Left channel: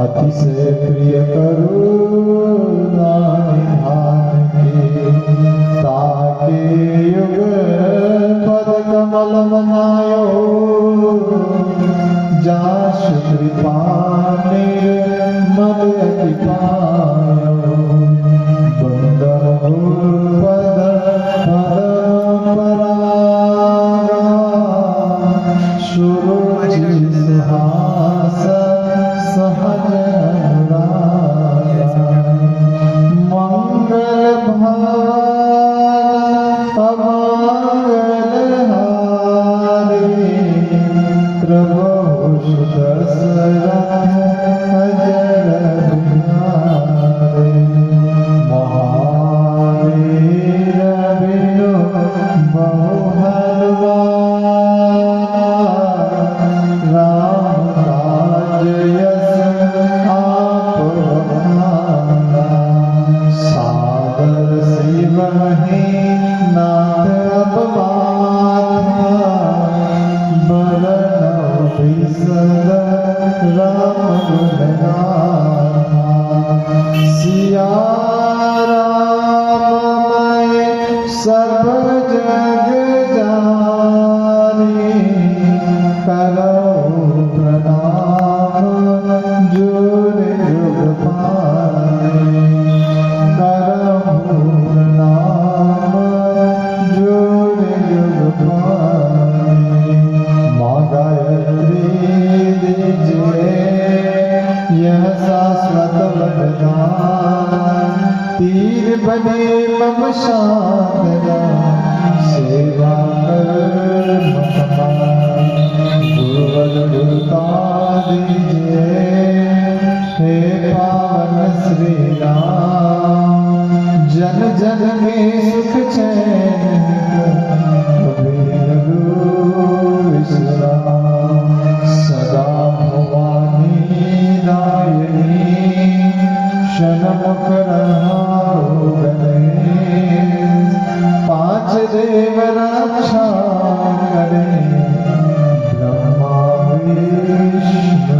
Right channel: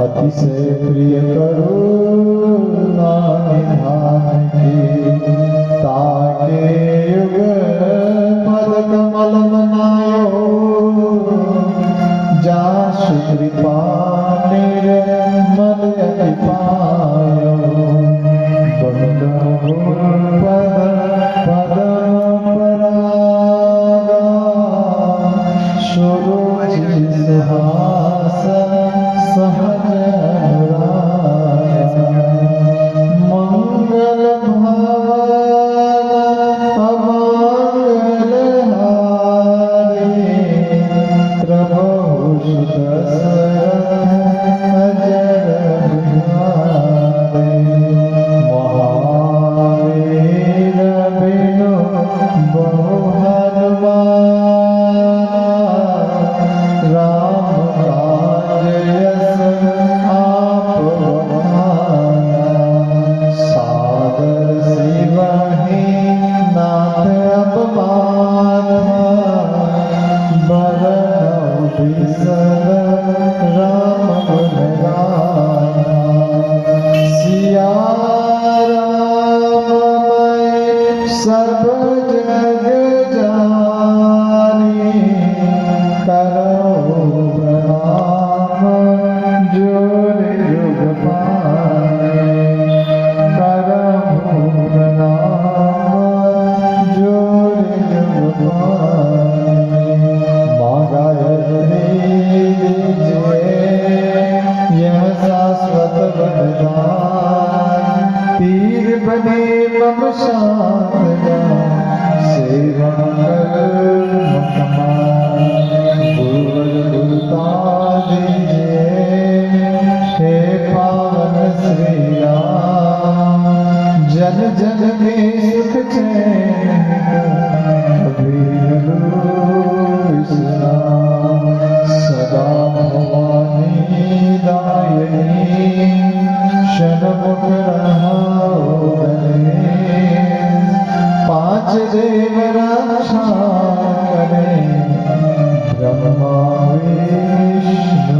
अतिशय प्रिय करुणा निधान की ताके युग पद कमल मनायो जासु कृपा निर्मल अति पायो बंदहुर पद पदम परागा शुरु सिंहासन सब जग जाने करो प्रणाम जुग जुग पाने करो प्रणाम जुग जुग पाने माँ गायत्री जय यह शाश्वत वरदान तीर बने मम साधना सेवा कर गुरुता दीजिए हे पावन श्री राम जन जन में सुख चैन कबीर विश्राम सदा भवानी दायिनी शनमुख पांच देव रक्षा करे ब्रह्मा विष्णु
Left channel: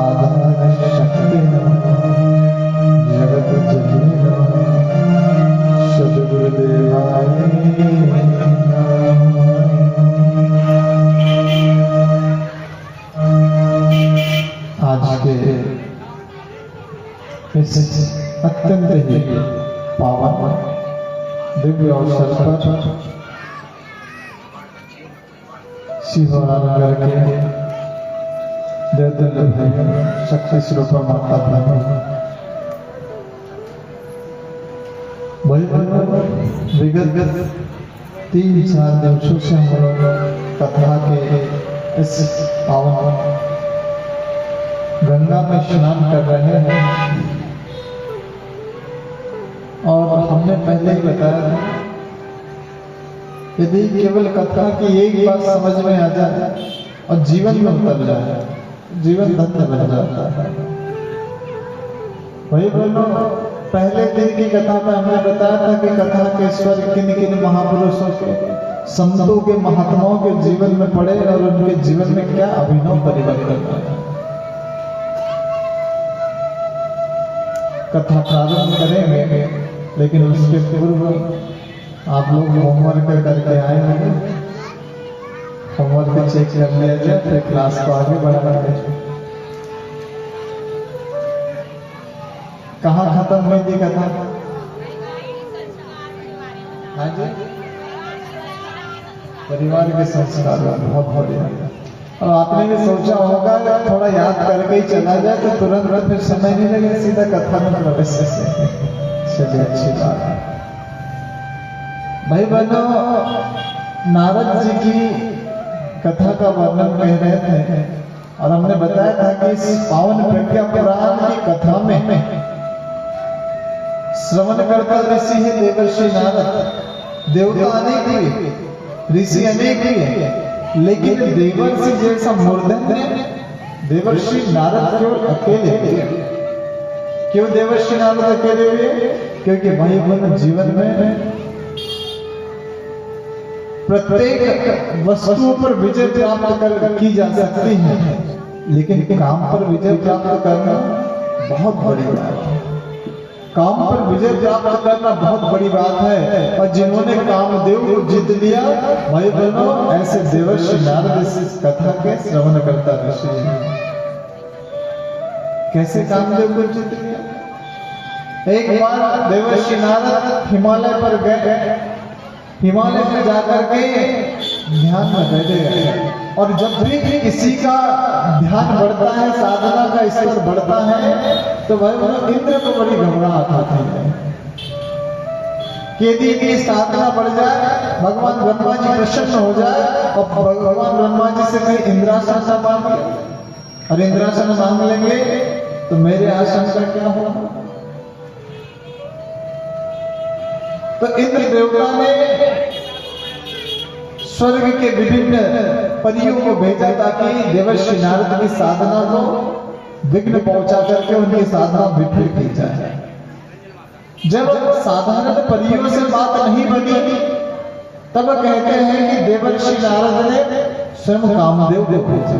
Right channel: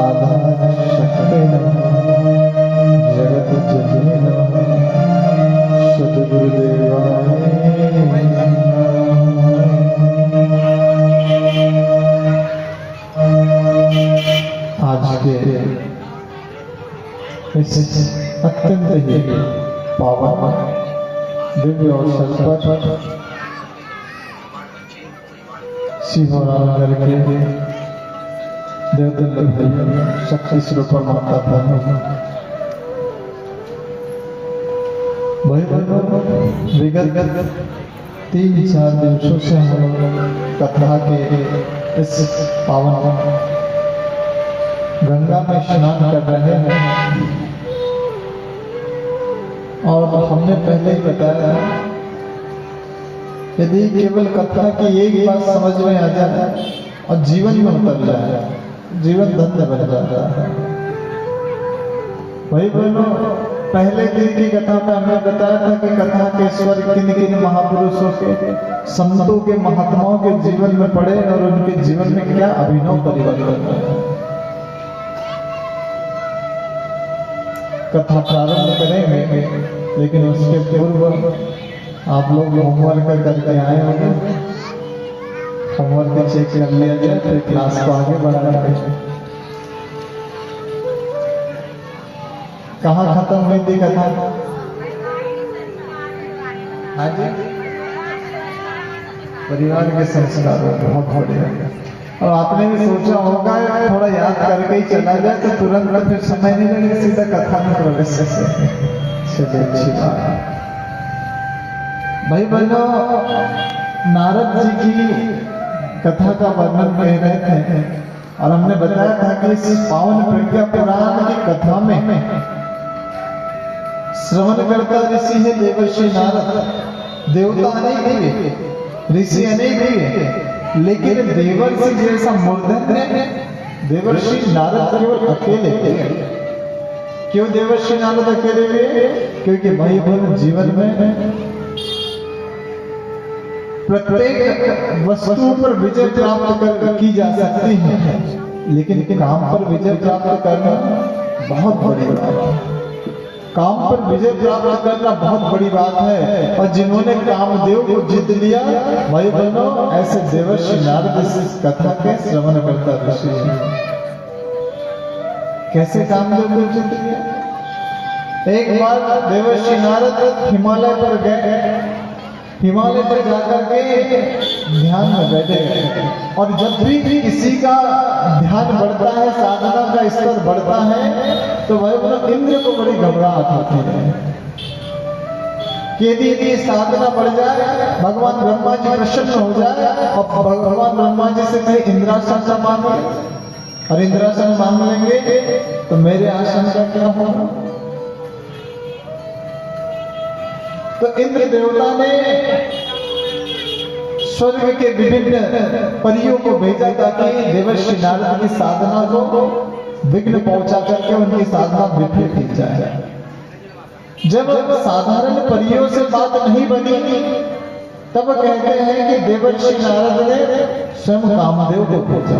आधार शक्ति जगत जननी सद्गुरुदेवाय आज के इस अत्यंत ही पावन दिव्य अवसर पर शिवनगर के देवदंड भाई शक्ति स्वरूप माता ब्रह्म विगत 3-4 दिवसों से हम कथा के इस पावन गंगा में स्नान कर रहे हैं और हमने पहले बताया यदि केवल कथा की एक बात समझ में आ जाए और जीवन में उतर जाए जीवन धन्य बन जाता है। वही बोलो पहले दिन की कथा में हमने बताया था कि कथा के स्वर किन किन महापुरुषों के संतों के महात्माओं के जीवन में पड़े और उनके जीवन में क्या अभिनव परिवर्तन होता है। कथा प्रारंभ करेंगे लेकिन उसके पूर्व आप लोग होमवर्क करके आए होंगे, होमवर्क चेक कर लिया जाए फिर क्लास को आगे बढ़ाया जाए। कहाँ खत्म हुई थी कथा? हाँ जी, परिवार के संस्कार बहुत बढ़िया। और आपने भी सोचा होगा थोड़ा याद करके ही चला जाए तो तुरंत फिर समय नहीं लगे, सीधा कथा में प्रवेश से चलिए अच्छी बात है। भाई बहनों, नारद जी की कथा का वर्णन कह रहे थे और हमने बताया था कि इस पावन प्रज्ञा पुराण की कथा में श्रवणकर्ता ऋषि है देवर्षि नारद। देवता अनेक हुए, ऋषि अनेक हुए, लेकिन देवर्षि जैसा मूर्धन्य देवर्षि नारद केवल अकेले थे। क्यों देवर्षि नारद अकेले हुए? क्योंकि भाई बहन जीवन में प्रत्येक वस्तु पर विजय प्राप्त की जा सकती है, लेकिन काम पर विजय प्राप्त करना बहुत बड़ी बात है। काम पर विजय प्राप्त करना बहुत बड़ी बात है। और जिन्होंने कामदेव को जीत लिया, भाई बहनों, ऐसे देवर्षि नारद इस कथा के श्रवण करता ऋषि है। कैसे कामदेव को जीत लिया? एक बार देवर्षि नारद हिमालय पर गए। हिमालय पर जाकर के ध्यान में बैठे, और जब भी किसी का ध्यान बढ़ता है, साधना का स्तर बढ़ता है, तो वह इंद्र को बड़ी घबराहट होती है कि यदि साधना बढ़ जाए, भगवान ब्रह्मा जी प्रसन्न हो जाए और भगवान ब्रह्मा जी से कहीं इंद्रासन मांगे, और इंद्रासन मांग लेंगे तो मेरे आसन का क्या होगा? तो इंद्र देवता ने स्वर्ग के विभिन्न परियों को भेजा ताकि देवर्षि नारद की साधना को विघ्न पहुंचा करके उनकी साधना विफल की जाए। जब साधारण परियों से बात नहीं बनी, तब कहते हैं कि देवर्षि नारद ने स्वयं कामदेव को भेजा।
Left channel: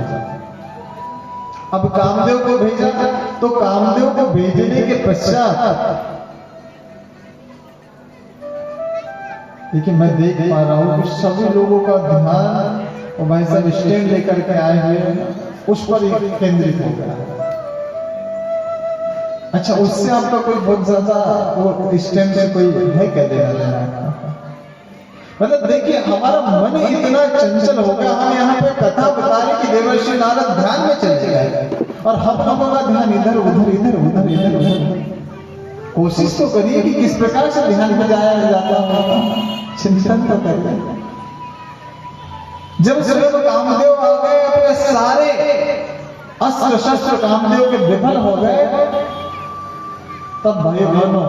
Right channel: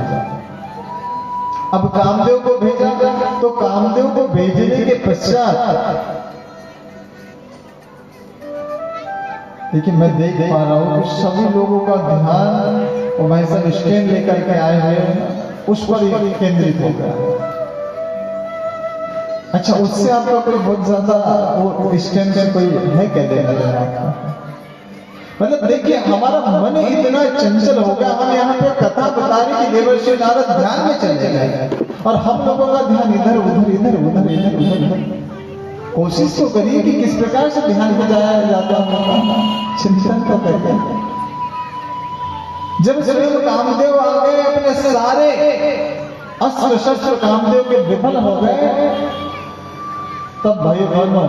अब कामदेव को भेजा, तो कामदेव को भेजने के पश्चात देखिए, मैं देख पा रहा हूं कि सभी लोगों का ध्यान, और भाई साहब स्टैंड लेकर के आए हुए हैं, उस पर केंद्रित होता है। अच्छा, उससे आपका कोई बहुत ज्यादा वो स्टैंड से कोई है क्या देना देना? मतलब देखिए, हमारा मन इतना चंचल हो गया, हम यहाँ पे कथा बता रहे कि देवर्षि नारद ध्यान में चले गए, और हम लोगों का ध्यान इधर उधर इधर उधर इधर उधर। कोशिश तो करिए कि किस प्रकार से ध्यान में जाया जाता है, चिंतन तो करिए। जब स्वयं कामदेव आ गए, अपने सारे अस्त्र शस्त्र कामदेव के विफल हो गए, तब भाई बहनों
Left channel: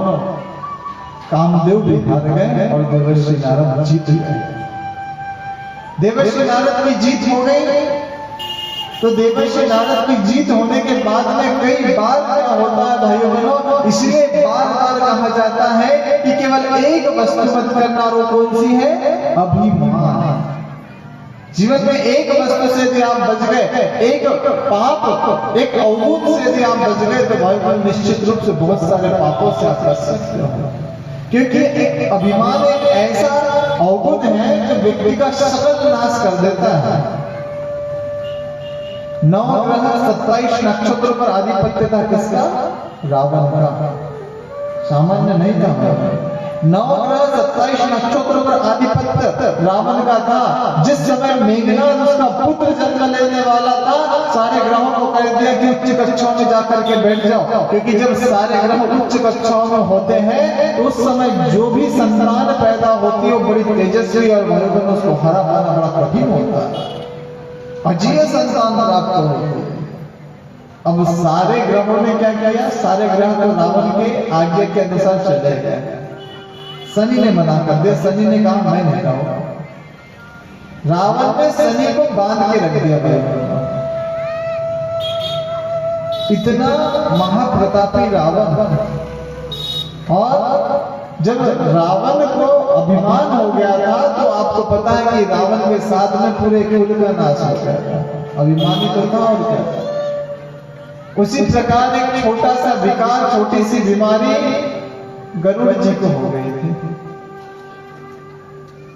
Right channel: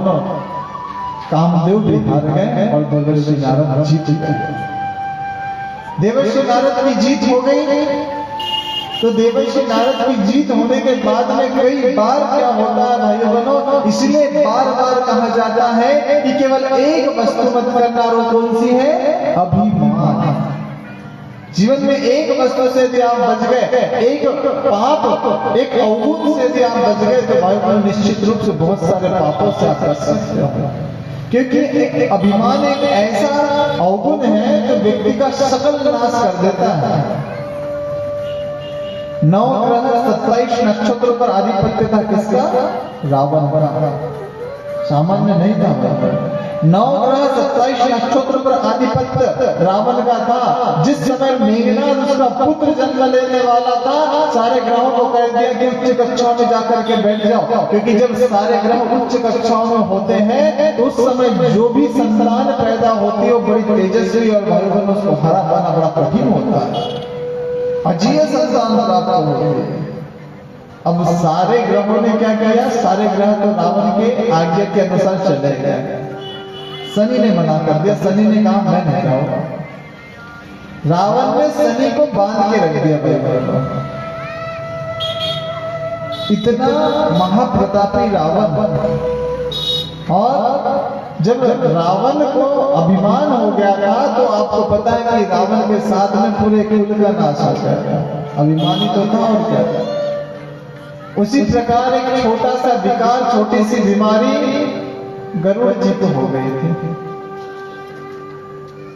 कामदेव भी हार गए और देवर्षि नारद जीत गए। देवर्षि नारद की जीत हो गई। तो देवर्षि नारद की जीत होने के बाद में कई बार क्या होता है भाई बहनों, इसलिए बार बार कहा जाता है कि केवल एक वस्तु मत करना, और कौन सी है? अभिमान। जीवन में एक वस्तु से यदि आप बच गए, एक पाप, एक अवगुण से यदि आप बच गए, तो भाई बहनों निश्चित रूप से बहुत सारे पापों से आप बच सकते हो। क्योंकि एक अभिमान एक ऐसा अवगुण है जो व्यक्ति का सकल नाश कर देता है। 9 ग्रह 27 नक्षत्रों पर आधिपत्य था किसका? रावण का। सामान्य नहीं था। 9 ग्रह 27 नक्षत्रों पर आधिपत्य रावण का था। जिस समय मेघनाद उसका पुत्र जन्म लेने वाला था, सारे ग्रहों को कह दिया कि उच्च कक्षाओं में जाकर के बैठ जाओ, क्योंकि जब सारे ग्रह उच्च कक्षाओं में होते हैं तो उस समय जो भी संतान पैदा होती है वो बड़ी तेजस्वी, और भाई बहन उसको हरा पाना बड़ा कठिन होता है, अजीय संतान प्राप्त हो। अब सारे ग्रहों ने क्या किया? सारे ग्रह तो रावण के आज्ञा के अनुसार चले गए। शनि ने मना कर दिया। शनि ने कहा मैं नहीं जाऊंगा। रावण ने शनि को बांध के रख दिया। इतना महाप्रतापी रावण, और जब रावण को अभिमान हो गया था, तो आपको पता है कि रावण के साथ में पूरे कुल का नाश हो गया। अभिमानी तो था, और क्या। उसी प्रकार एक छोटा सा विकार, छोटी सी बीमारी गरुड़ जी को हो गई थी।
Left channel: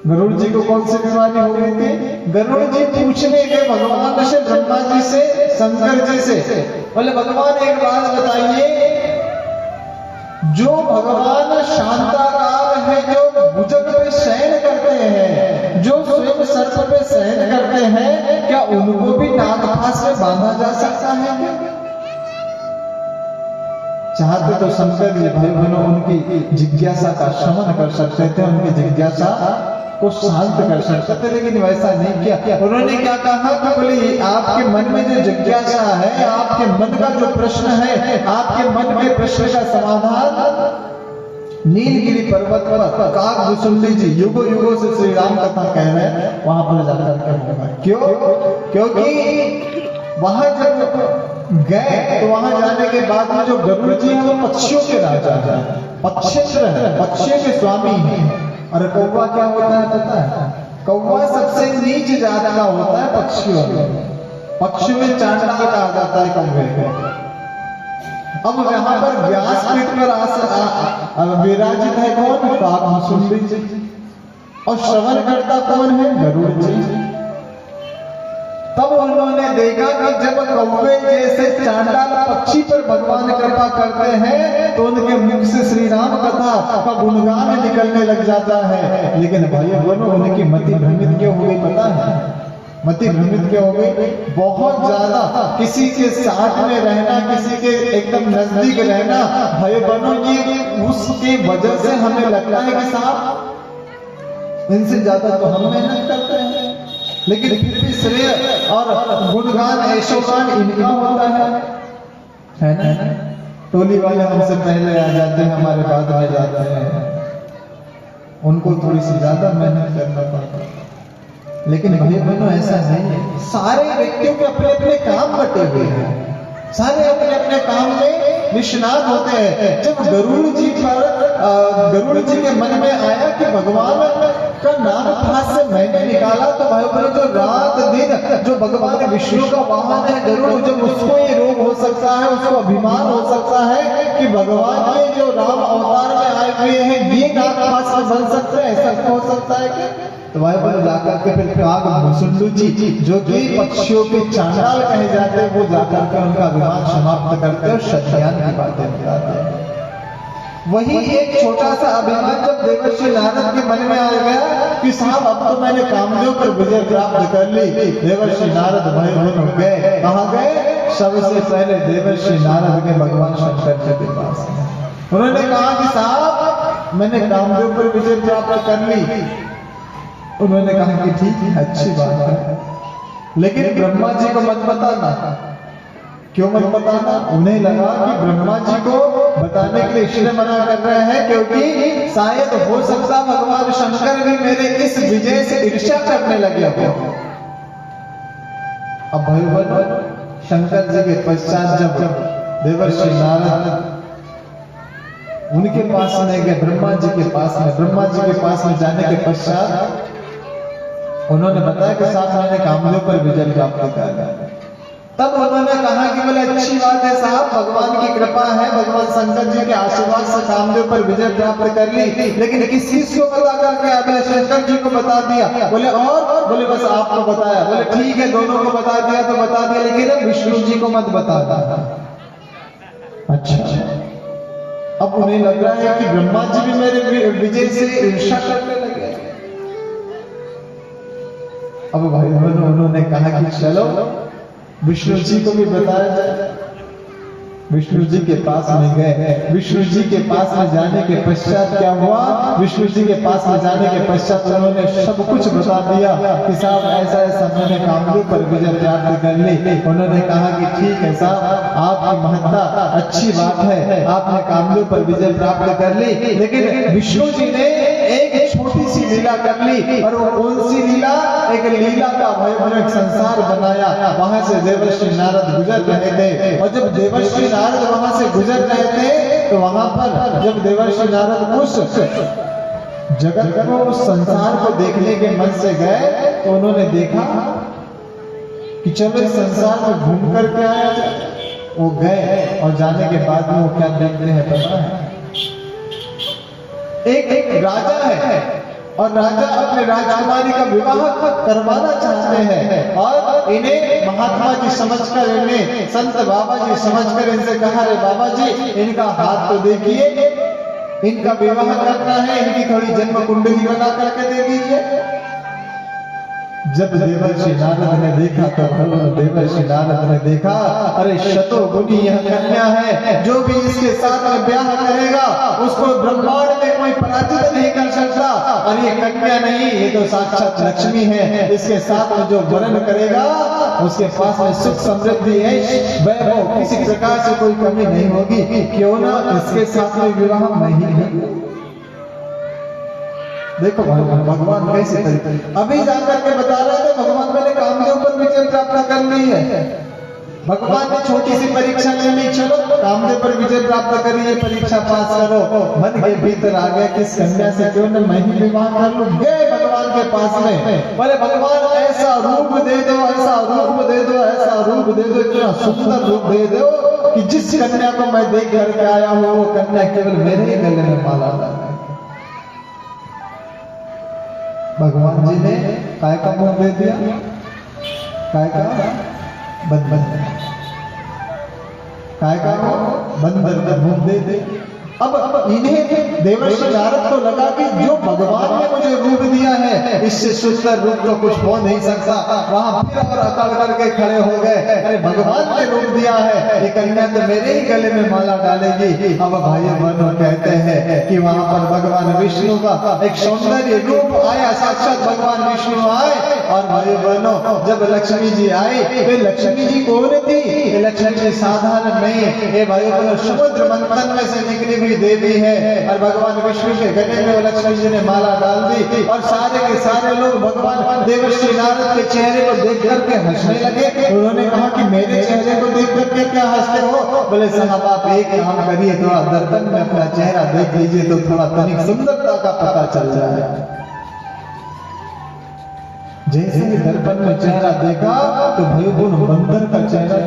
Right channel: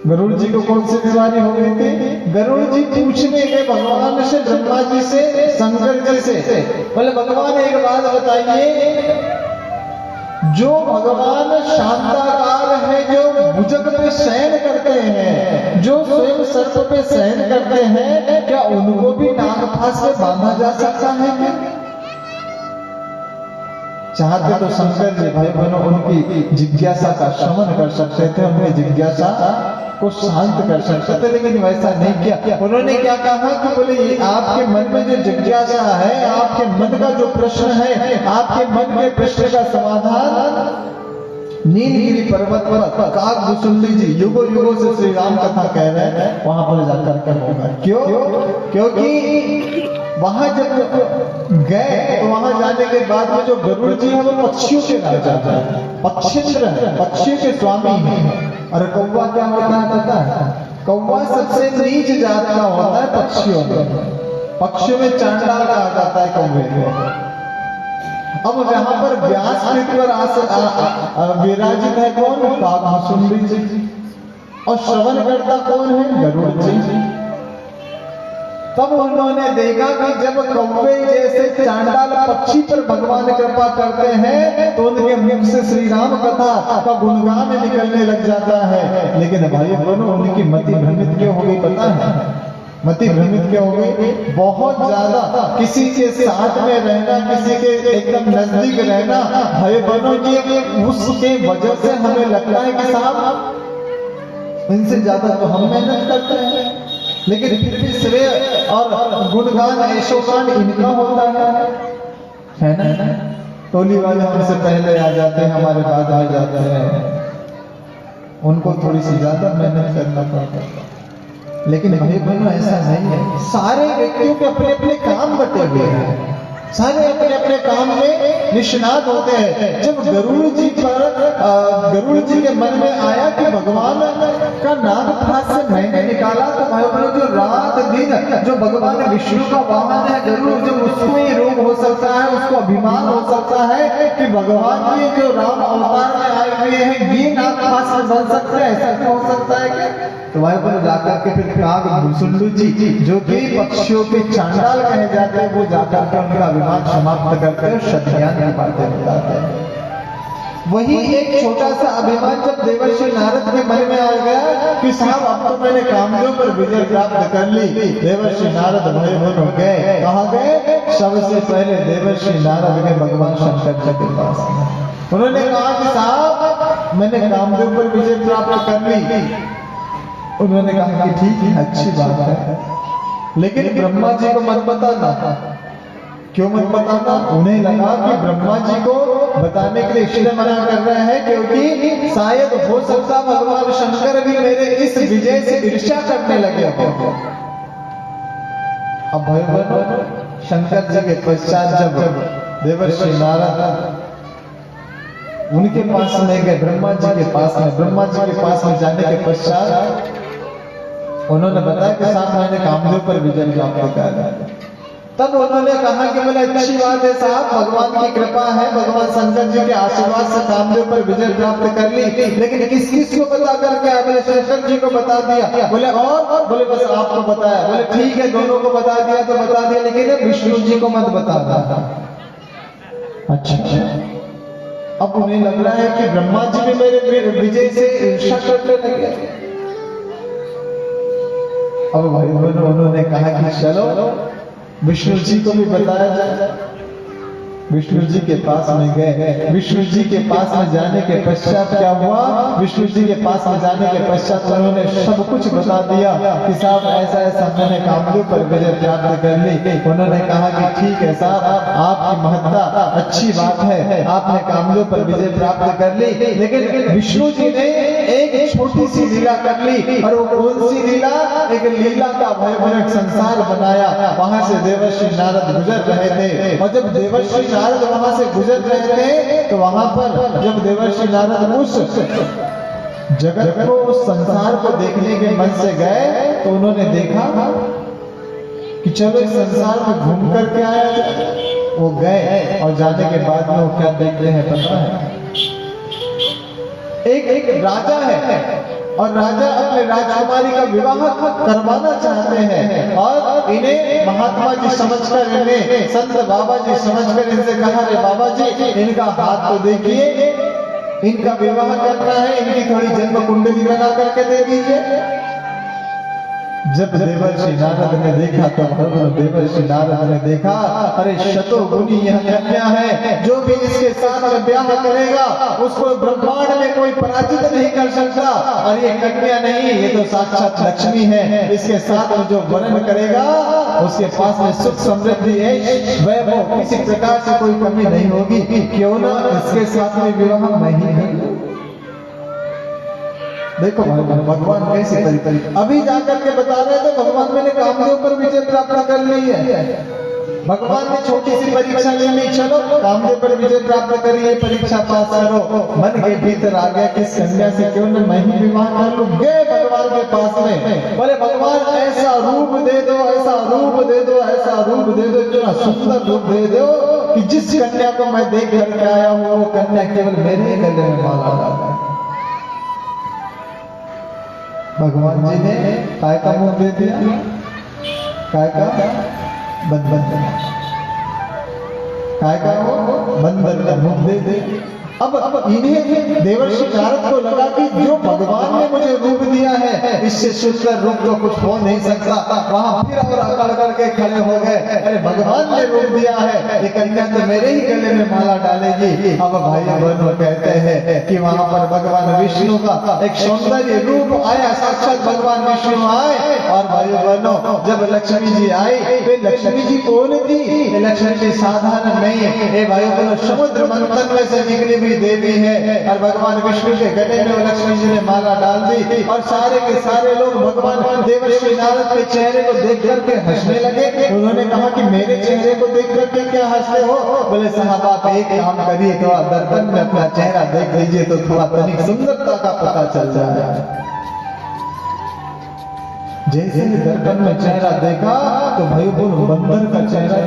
गरुड़ जी को कौन सी बीमारी हो गई थी? गरुड़ जी पूछने गए भगवान से, ब्रह्मा जी से, शंकर जी से, बोले भगवान एक बात बताइए, जो भगवान शांताकार है, जो भुजग पे शयन करते हैं, जो स्वयं सर्प पे शयन करते हैं, क्या उनको भी नागपाश में बांधा जा सकता है क्या? चाहते तो शंकर जी भाई बहनों उनकी जिज्ञासा का शमन कर सकते थे, उनकी जिज्ञासा को शांत कर सकते थे, लेकिन वैसा नहीं किया। उन्होंने क्या कहा कि बोले आपके मन में जो जिज्ञासा है, आपके मन का जो प्रश्न है, आपके मन के प्रश्न का समाधान नीलगिरी पर्वत पर काकभूषुंडी जी युगों युगों से श्री राम कथा कह रहे हैं, वहां पर जाकर के होगा। क्यों? क्योंकि वहां जब गए तो वहां जाने के बाद में जो गरुड़ जी हैं वो पक्षियों के राजा हैं, पक्षियों के स्वामी हैं। और कौवा क्या होता है पता है? कौवा सबसे नीच जात का होता है पक्षियों में। पक्षियों में चांडाल कहा जाता है कौवे को। अब यहाँ पर व्यासपीठ पर विराजित है कौन? काकभूषुंडी जी। और श्रवण करता कौन है? गरुड़ जी। तब उन्होंने देखा कि जब कौवे जैसे चांडाल पक्षी पर भगवान कृपा करते हैं तो उनके मुख से श्री राम कथा का गुणगान निकलने लग जाता है। लेकिन भाई दोनों उनकी मति भ्रमित क्यों हो गई पता है? मति भ्रमित क्यों हो गई? बहुत ज्यादा किसी के साथ में रहना, किसी के एकदम नजदीक रहना, भाई बहनों की उसके वजह से हमें लगता है कि साहब इनसे ज्यादा तो हम मेहनत करते हैं, लेकिन फिर भी श्रेय और गुणगान ऐशोगान इनका होता है ना। टोली वाले हमसे पहले आ जाते हैं, हमारे बाद आ जाते हैं, उनको थोड़ी सी ज्यादा मेहनत करना पड़ता है। लेकिन भाई बहनों ऐसा नहीं है। सारे व्यक्तियों के अपने अपने काम बटे हुए हैं, सारे अपने अपने काम में निष्णात होते हैं। जब गरुड़ जी के मन में आया कि भगवान का नाग फांस से मैंने निकाला, तो भाई बहनों जो रात दिन जो भगवान विष्णु का वाहन है गरुड़, जब उसको ये रोग हो सकता है, उसको अभिमान हो सकता है कि भगवान ये जो राम अवतार में आए हुए हैं ये नाग फांस में बन सकते हैं, ऐसा हो सकता है क्या? तो वहां पर जाकर के फिर काकभूषुंडी जी जो कि पक्षियों के चांडाल कहे जाते हैं, वो जाकर के उनका अभिमान समाप्त करते हैं और सत्यान की बातें बताते हैं। वही एक छोटा सा अभिमान जब देवर्षि नारद के मन में आ गया कि साहब अब तो मैंने कामदेव पर विजय प्राप्त कर ली, देवर्षि नारद भय बन गए। कहाँ गए? सबसे पहले देवर्षि नारद के भगवान शंकर जी के पास। उन्होंने कहा कि साहब मैंने कामदेव पर विजय प्राप्त कर ली। उन्होंने कहा कि ठीक है, अच्छी बात है, लेकिन ब्रह्मा जी को मत बताना। क्यों मत बताना? उन्हें लगा कि ब्रह्मा जी को बताने के लिए इसलिए मना कर रहे हैं क्योंकि शायद हो सकता भगवान शंकर भी मेरे इस विजय से ईर्ष्या करने लगे हो। अब भगवान शंकर जी के पश्चात जब देवर्षि नारद उनके पास में गए, ब्रह्मा जी के पास में जाने के पश्चात उन्होंने बताया कि साहब मैंने कामदेव पर विजय प्राप्त किया। तब उन्होंने कहा कि बोले अच्छी बात है साहब, भगवान की कृपा है, भगवान शंकर जी के आशीर्वाद से कामदेव पर विजय प्राप्त कर ली, लेकिन किस किस को पता करके? बोले शंकर जी को बता दिया। बोले और? बोले बस आपको बताया। बोले ठीक है, दोनों को बता दिया तो बता दिया, लेकिन विष्णु जी को मत बताता। अच्छा, अब उन्हें लग रहा है कि ब्रह्मा जी भी मेरे विजय से ईर्ष्या करने लगे। अब भाई उन्होंने कहा कि चलो विष्णु जी को भी बताया जाए। विष्णु जी के पास में गए। विष्णु जी के पास में जाने के पश्चात क्या हुआ? विष्णु जी के पास में जाने के पश्चात उन्होंने सब कुछ बता दिया कि साहब ऐसा ऐसा मैंने कामदेव पर विजय प्राप्त कर ली। उन्होंने कहा कि ठीक है साहब, आपकी महत्ता अच्छी बात है, आपने कामदेव पर विजय प्राप्त कर ली, लेकिन विष्णु जी ने एक छोटी सी लीला कर ली। और वो कौन सी लीला? एक लीला का भयानक संसार बनाया। वहां से देवर्षि नारद गुजर रहे थे, और जब देवर्षि नारद वहां से गुजर रहे थे तो वहां पर जब देवर्षि नारद उस जगत को, उस संसार को देखने के मन से गए तो उन्होंने देखा कि चलो इस संसार में घूम करके आया जाए। वो गए और जाने के बाद में वो क्या देखते हैं पता है? एक राजा है और राजा अपने राजकुमारी का विवाह करवाना चाहते हैं, और इन्हें महात्मा जी समझकर, इन्हें संत बाबा जी समझकर इनसे कहा, रे बाबा जी इनका हाथ तो देखिए, इनका विवाह करना है, इनकी थोड़ी जन्म कुंडली बना करके दे दीजिए। जब देवर्षि नारद ने देखा तो देवर्षि नारद ने देखा, अरे शतो गुनी यह कन्या है, जो भी इसके साथ में ब्याह करेगा उसको ब्रह्मांड में कोई पराजित नहीं कर सकता। और ये कन्या नहीं, ये तो साक्षात लक्ष्मी है। इसके साथ में जो वर्ण करेगा उसके पास में सुख समृद्धि है, वैभव, किसी प्रकार से कोई कमी नहीं होगी। क्यों ना इसके साथ में विवाह मैं ही करूं। देखो भगवान कैसे अभी जाकर के बता रहे थे, भगवान मैंने कामदेव पर विजय प्राप्त कर ली है। भगवान ने छोटी सी परीक्षा ले ली, चलो कामदेव पर विजय प्राप्त करिए, परीक्षा पास करो। मन के भीतर आ गया किस कन्या से क्यों न मैं ही विवाह कर लूं। गए भगवान के पास में, बोले भगवान ऐसा रूप दे दो, ऐसा रूप दे दो, ऐसा रूप दे दो, इतना सुंदर रूप दे दो कि जिस कन्या को मैं देख करके आया हूँ वो कन्या केवल मेरे ही गले में माला डाले। भगवान जी ने काय का मुंह दे दिया, काय का बंदर, काय का बंदर का मुंह दे दिया। अब इन्हें देवर्षि नारद को लगा कि जो भगवान ने मुझे रूप दिया है इससे सुंदर रूप तो कुछ हो नहीं सकता। वहां फिर और अकड़ करके खड़े हो गए, अरे भगवान ने रूप दिया है, ये कन्या तो मेरे ही गले में माला डालेगी। अब भाई बहनों कहते हैं कि वहां पर भगवान विष्णु का एक सौंदर्य रूप आया, साक्षात भगवान विष्णु आए। और भाई बहनों जब लक्ष्मी जी आई, वे लक्ष्मी जी कौन थी? लक्ष्मी जी साधारण नहीं है, ये भाई बहनों समुद्र मंथन में से निकली देवी है। और भगवान विष्णु के गले में लक्ष्मी जी ने माला डाल दी और सारे के सारे लोग भगवान देवर्षि नारद के चेहरे को देख करके हंसने लगे। उन्होंने कहा कि मेरे चेहरे को देख करके क्या हंसते हो? बोले साहब आप एक काम करिए, थोड़ा दर्पण में अपना चेहरा देख लीजिए तो थोड़ा तनिक सुंदरता का पता चल जाए। जैसे ही दर्पण में चेहरा देखा तो भाई बंदर का चेहरा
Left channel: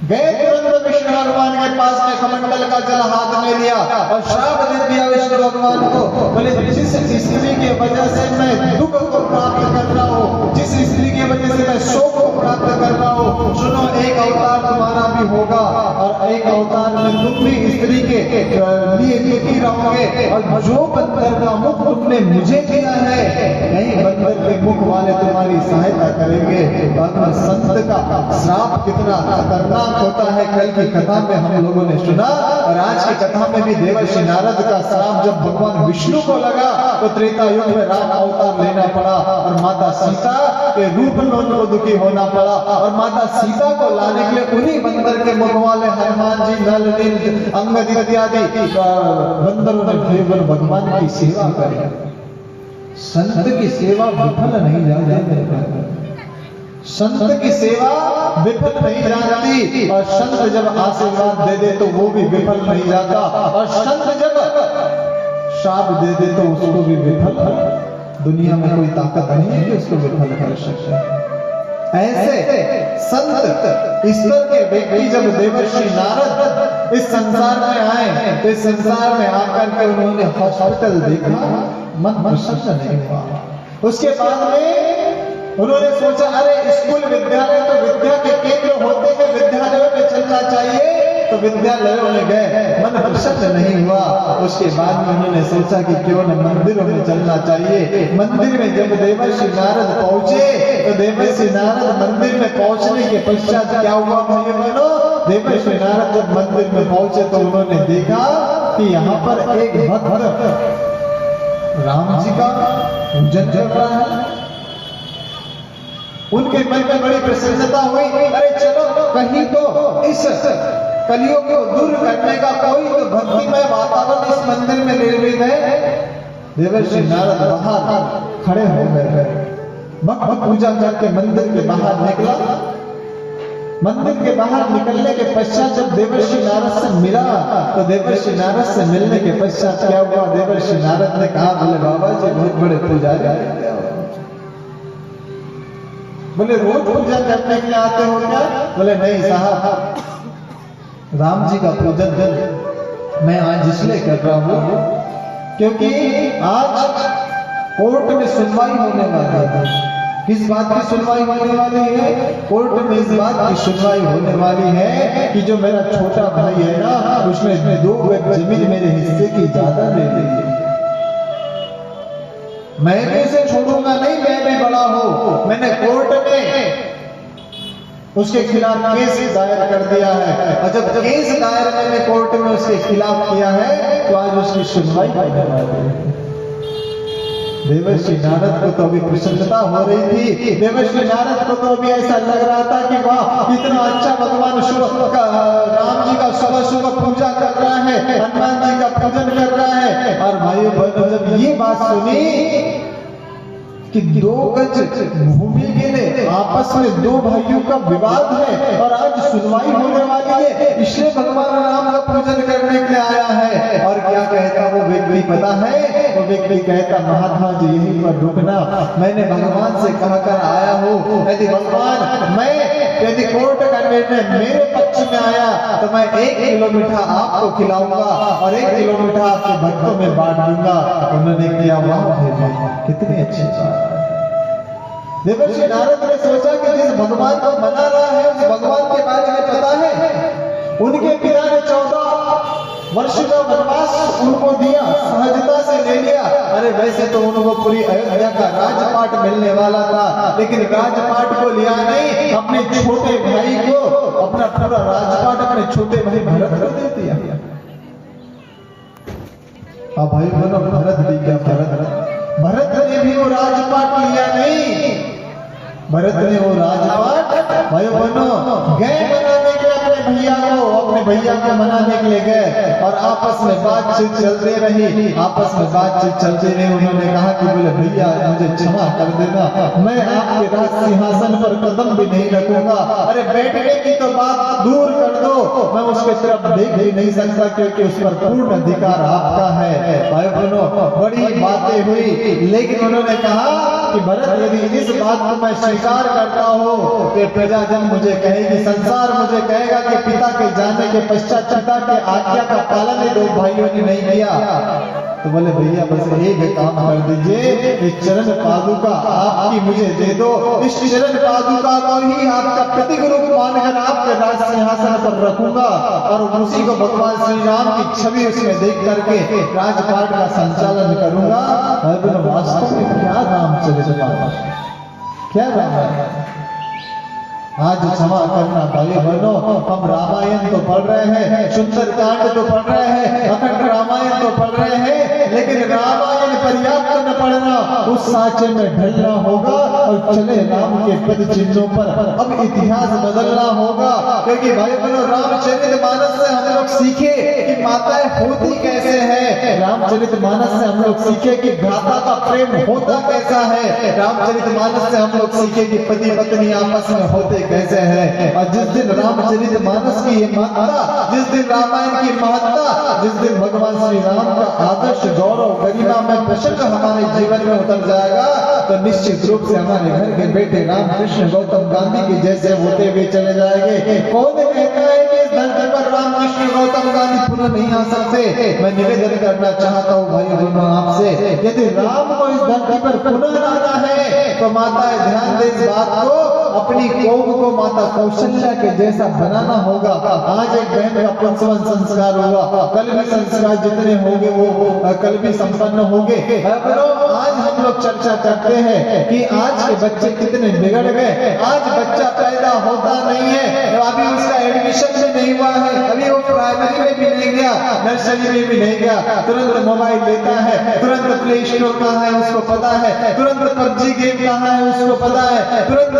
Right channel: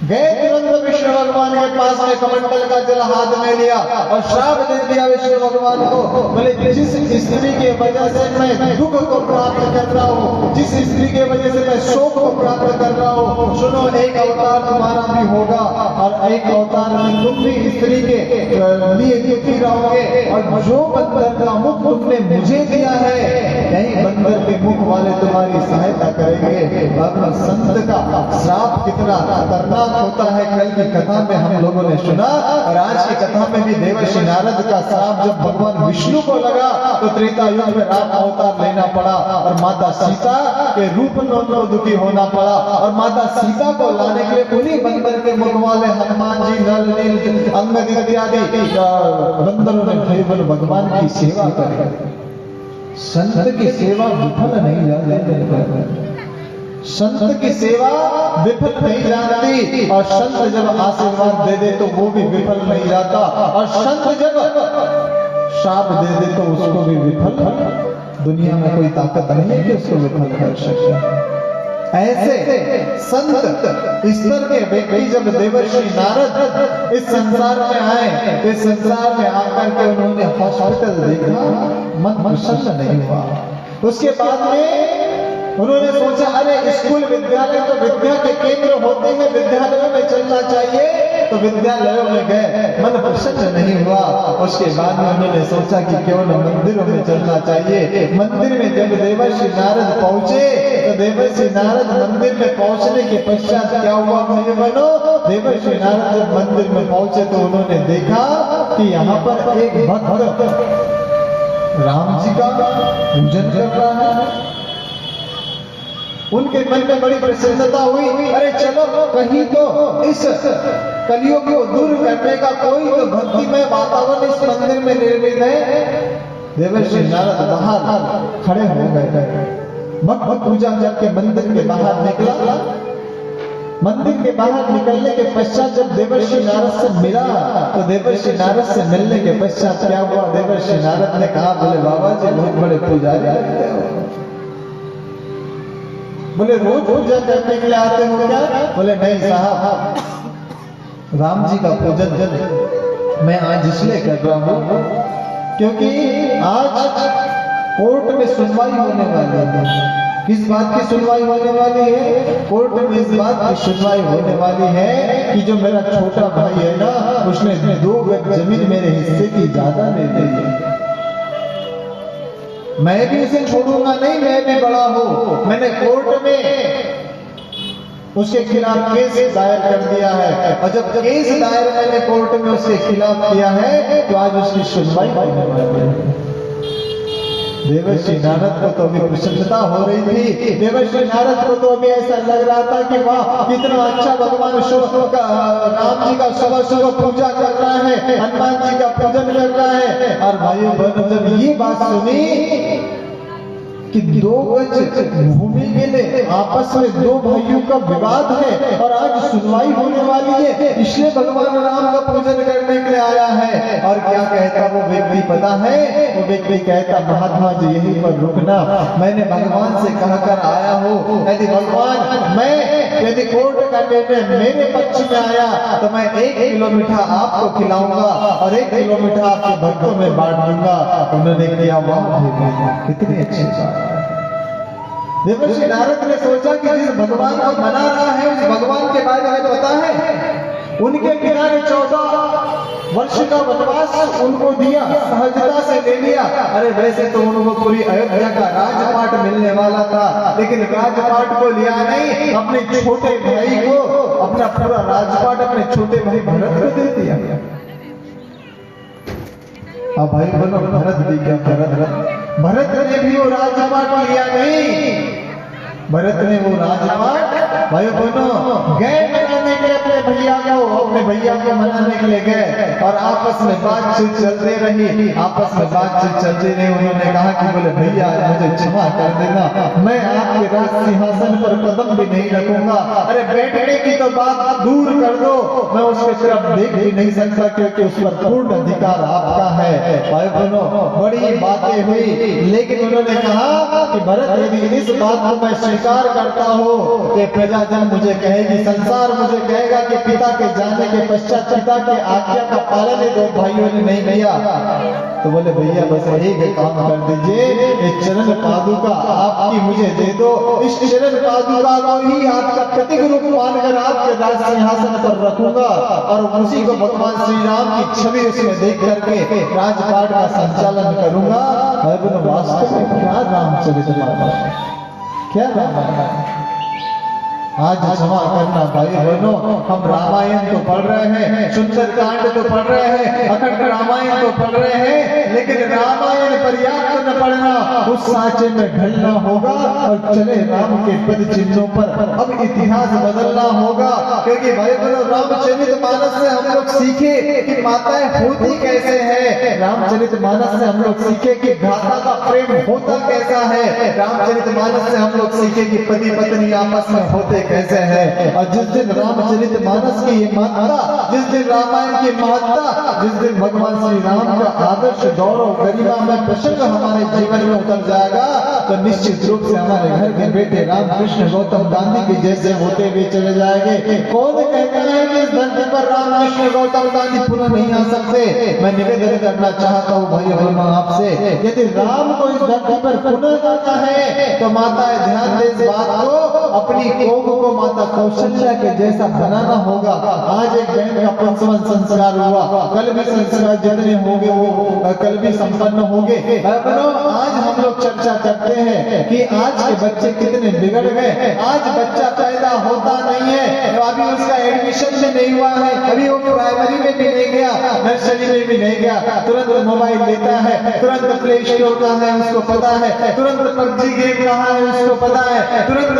गए, तुरंत विष्णु भगवान के पास में कमंडल का जल हाथ में लिया और श्राप दे दिया विष्णु भगवान को। बोले जिस स्त्री की वजह से मैं दुख को प्राप्त कर रहा हूँ, जिस स्त्री की वजह से मैं शोक को प्राप्त कर रहा हूँ, सुनो एक अवतार तुम्हारा भी होगा और एक अवतार में तुम भी स्त्री के लिए दुखी रहोगे। और जो बंदर का मुख तुमने मुझे दिया है, यही बंदर के मुख वाले तुम्हारी सहायता करेंगे। भगवान संत का श्राप कितना खतरनाक होता है, कल की कथा में हम लोगों ने सुना। और आज की कथा में भी देवर्षि नारद का श्राप जब भगवान विष्णु को लगा तो त्रेता युग में राम अवतार लेना पड़ा और माता सीता के रूप में उनको दुखी होना पड़ा। और माता सीता को लाने के लिए उन्हीं बंदर के मुख वाले हनुमान जी, नल, नील, अंगद इत्यादि बंदरों ने भगवान की सेवा करी। संत की सेवा विफल नहीं जाती, संत की सेवा विफल नहीं जाती। और संत जब आशीर्वाद दे दे तो वो भी विफल नहीं जाता, और संत जब श्राप दे दे तो उसको भी विफल, दुनिया में कोई ताकत नहीं है कि उसको विफल कर सके। ऐसे संत ईश्वर के व्यक्ति जब देवर्षि नारद इस संसार में आए तो इस संसार में आकर के उन्होंने हॉस्पिटल देखा, मन प्रसन्न नहीं हुआ। उसके बाद में उन्होंने सोचा अरे स्कूल विद्यालय तो विद्या के केंद्र होते हैं, विद्यालयों में चलना चाहिए, तो विद्यालयों में गए, मन प्रसन्न नहीं हुआ। उसके बाद में उन्होंने सोचा कि क्यों न मंदिरों में चलना चाहिए। मंदिर में जब देवर्षि नारद पहुंचे तो देवर्षि नारद मंदिर में पहुंचने के पश्चात क्या हुआ भाई बहनों? देवर्षि नारद जब मंदिर में पहुंचे तो उन्होंने देखा कि यहाँ पर एक भक्त राम जी का पूजन कर रहा है। उनके मन में बड़ी प्रसन्नता हुई, अरे चलो कहीं तो इस कलियुग को दूर करने का कोई तो भक्तिमय वातावरण इस मंदिर में निर्मित है। देवर्षि नारद बाहर खड़े हो गए, भक्त पूजा करके मंदिर के बाहर निकला। मंदिर के बाहर निकलने के पश्चात जब देवर्षि नारद से मिला तो देवर्षि नारद से मिलने के पश्चात क्या हुआ? देवर्षि नारद ने कहा, बोले बाबा जी बहुत बड़े पुजारी, बोले रोज पूजा करने के लिए आते हो क्या? बोले नहीं साहब, राम जी का पूजन मैं आज इसलिए कर रहा हूं क्योंकि आज कोर्ट में सुनवाई होने वाली है। किस बात की सुनवाई होने वाली है? कोर्ट में इस बात की सुनवाई होने वाली है कि जो मेरा छोटा भाई है ना, उसने 2 गज जमीन मेरे हिस्से की ज्यादा ले ली है। मैं भी उसे छोड़ूंगा नहीं, मैं भी बड़ा हूं। मैंने कोर्ट में उसके खिलाफ केस दायर कर दिया है, और जब केस दायर मैंने कोर्ट में उसके खिलाफ किया है तो आज उसकी सुनवाई करने वाले हैं। देवर्षि नारद को तो अभी प्रसन्नता हो रही थी, देवर्षि नारद को तो अभी ऐसा लग रहा था कि वाह कितना अच्छा भगवान राम जी का सुबह सुबह पूजा कर रहा है, हनुमान जी का पूजन कर रहा है। और भाइयों बहनों जब ये बात सुनी कि 2 गज भूमि के लिए आपस में 2 भाइयों का विवाद है और आज सुनवाई होने वाली है, इसलिए भगवान राम का पूजन करने के लिए आया है। और क्या कहता वो व्यक्ति पता है? वो व्यक्ति कहता महात्मा जी यहीं पर रुकना, मैंने भगवान से कहकर आया हूँ, यदि भगवान मैं यदि कोर्ट का निर्णय मेरे पक्ष में आया तो मैं 1 किलो मीठा आपको खिलाऊंगा और 1 किलो मीठा आपके भक्तों में बांट दूंगा। उन्होंने किया वाह कितनी अच्छी बात। देवर्षि नारद ने सोचा कि जिस भगवान को मना रहा है उस भगवान के बारे में पता है। उनके पिता ने 14 वर्ष का वनवास उनको दिया, सहजता से ले लिया। अरे वैसे तो उनको पूरी अयोध्या का राजपाट मिलने वाला था, लेकिन राजपाट को लिया नहीं, अपने छोटे भाई को अपना पूरा राजपाट अपने छोटे भाई भरत को दे दिया। अब भाई बोलो भरत दे गया, भरत ने भी वो राजपाट लिया नहीं, भरत ने वो राजपाट भाई बहनों गए मनाने के अपने भैया को मनाने के लिए गए और आपस में बातचीत चलते रही, आपस में बातचीत चलते रही। उन्होंने कहा कि बोले भैया मुझे क्षमा कर देना, मैं आपके राज सिंहासन पर कदम भी नहीं रखूंगा। अरे बैठने की तो बात दूर कर दो, मैं उसके तरफ देख भी नहीं सकता क्योंकि उस पर पूर्ण अधिकार आपका है। भाई बहनों बड़ी बातें हुई, लेकिन उन्होंने कहा कि भरत यदि इस बात को मैं स्वीकार करता हूँ तो प्रजाजन मुझे कहेगी, संसार मुझे कहेगा कि पिता के जाने के पश्चात पिता के आज्ञा का पालन 2 भाइयों ने नहीं किया। तो बोले भैया बस एक काम कर दीजिए, एक चरण पादुका आपकी मुझे दे दो, इस चरण पादुका को ही आपका प्रतीक रूप मानकर आपके राज सिंहासन पर रखूंगा और उसी को भगवान श्री राम की छवि उसमें देख करके राजपाट का संचालन करूंगा। और वास्तव में क्या रामचरितमानस, क्या रामायण। आज क्षमा करना भाई बहनों, हम रामायण तो पढ़ रहे हैं, सुंदर कांड तो पढ़ रहे हैं, अखंड रामायण तो पढ़ रहे हैं, लेकिन रामायण पर्याप्त न पढ़ना, उस सांचे में ढलना होगा और चले राम के पद चिन्हों पर अब इतिहास बदलना होगा। क्योंकि भाई बहनों रामचरितमानस से हम लोग सीखे कि माताएं होती कैसे है, रामचरितमानस से हम लोग सीखे कि भ्राता का प्रेम होता कैसा है, रामचरितमानस से हम लोग सीखे कि पति पत्नी आपस में होते कैसे है। और जिस दिन रामचरितमानस की ये महत्ता, जिस दिन रामायण की महत्ता, जिस दिन भगवान श्री राम का आदर्श गौरव गरिमा में प्रसन्न हमारे जीवन में उतर जाएगा तो निश्चित रूप से हमारे घर के बेटे रामकृष्ण गौतम गांधी के जैसे होते हुए चले जाएंगे। कौन कहता है कि इस धरती पर रामकृष्ण गौतम गांधी पुनः नहीं आ सकते? मैं निवेदन करना चाहता हूँ भाई बहनों आपसे, यदि राम को इस धरती पर पुनः लाना है तो माता ध्यान दे इस बात को, अपनी कौम को माता कौशल्या के जैसा बनाना होगा। आज एक बहन का 55वां संस्कार हुआ, कल भी संस्कार जितने होंगे वो कल भी संपन्न होंगे। आज हम लोग चर्चा करते हैं कि आज के बच्चे कितने बिगड़ गए। आज बच्चा पैदा होता नहीं है, अभी उसका एडमिशन भी नहीं हुआ है, अभी वो प्राइमरी में भी नहीं गया, नर्सरी में भी नहीं गया, तुरंत मोबाइल लेता है, तुरंत प्ले स्टोर कहाँ है उसको पता है, तुरंत पबजी गेम कहाँ है उसको पता है, तुरंत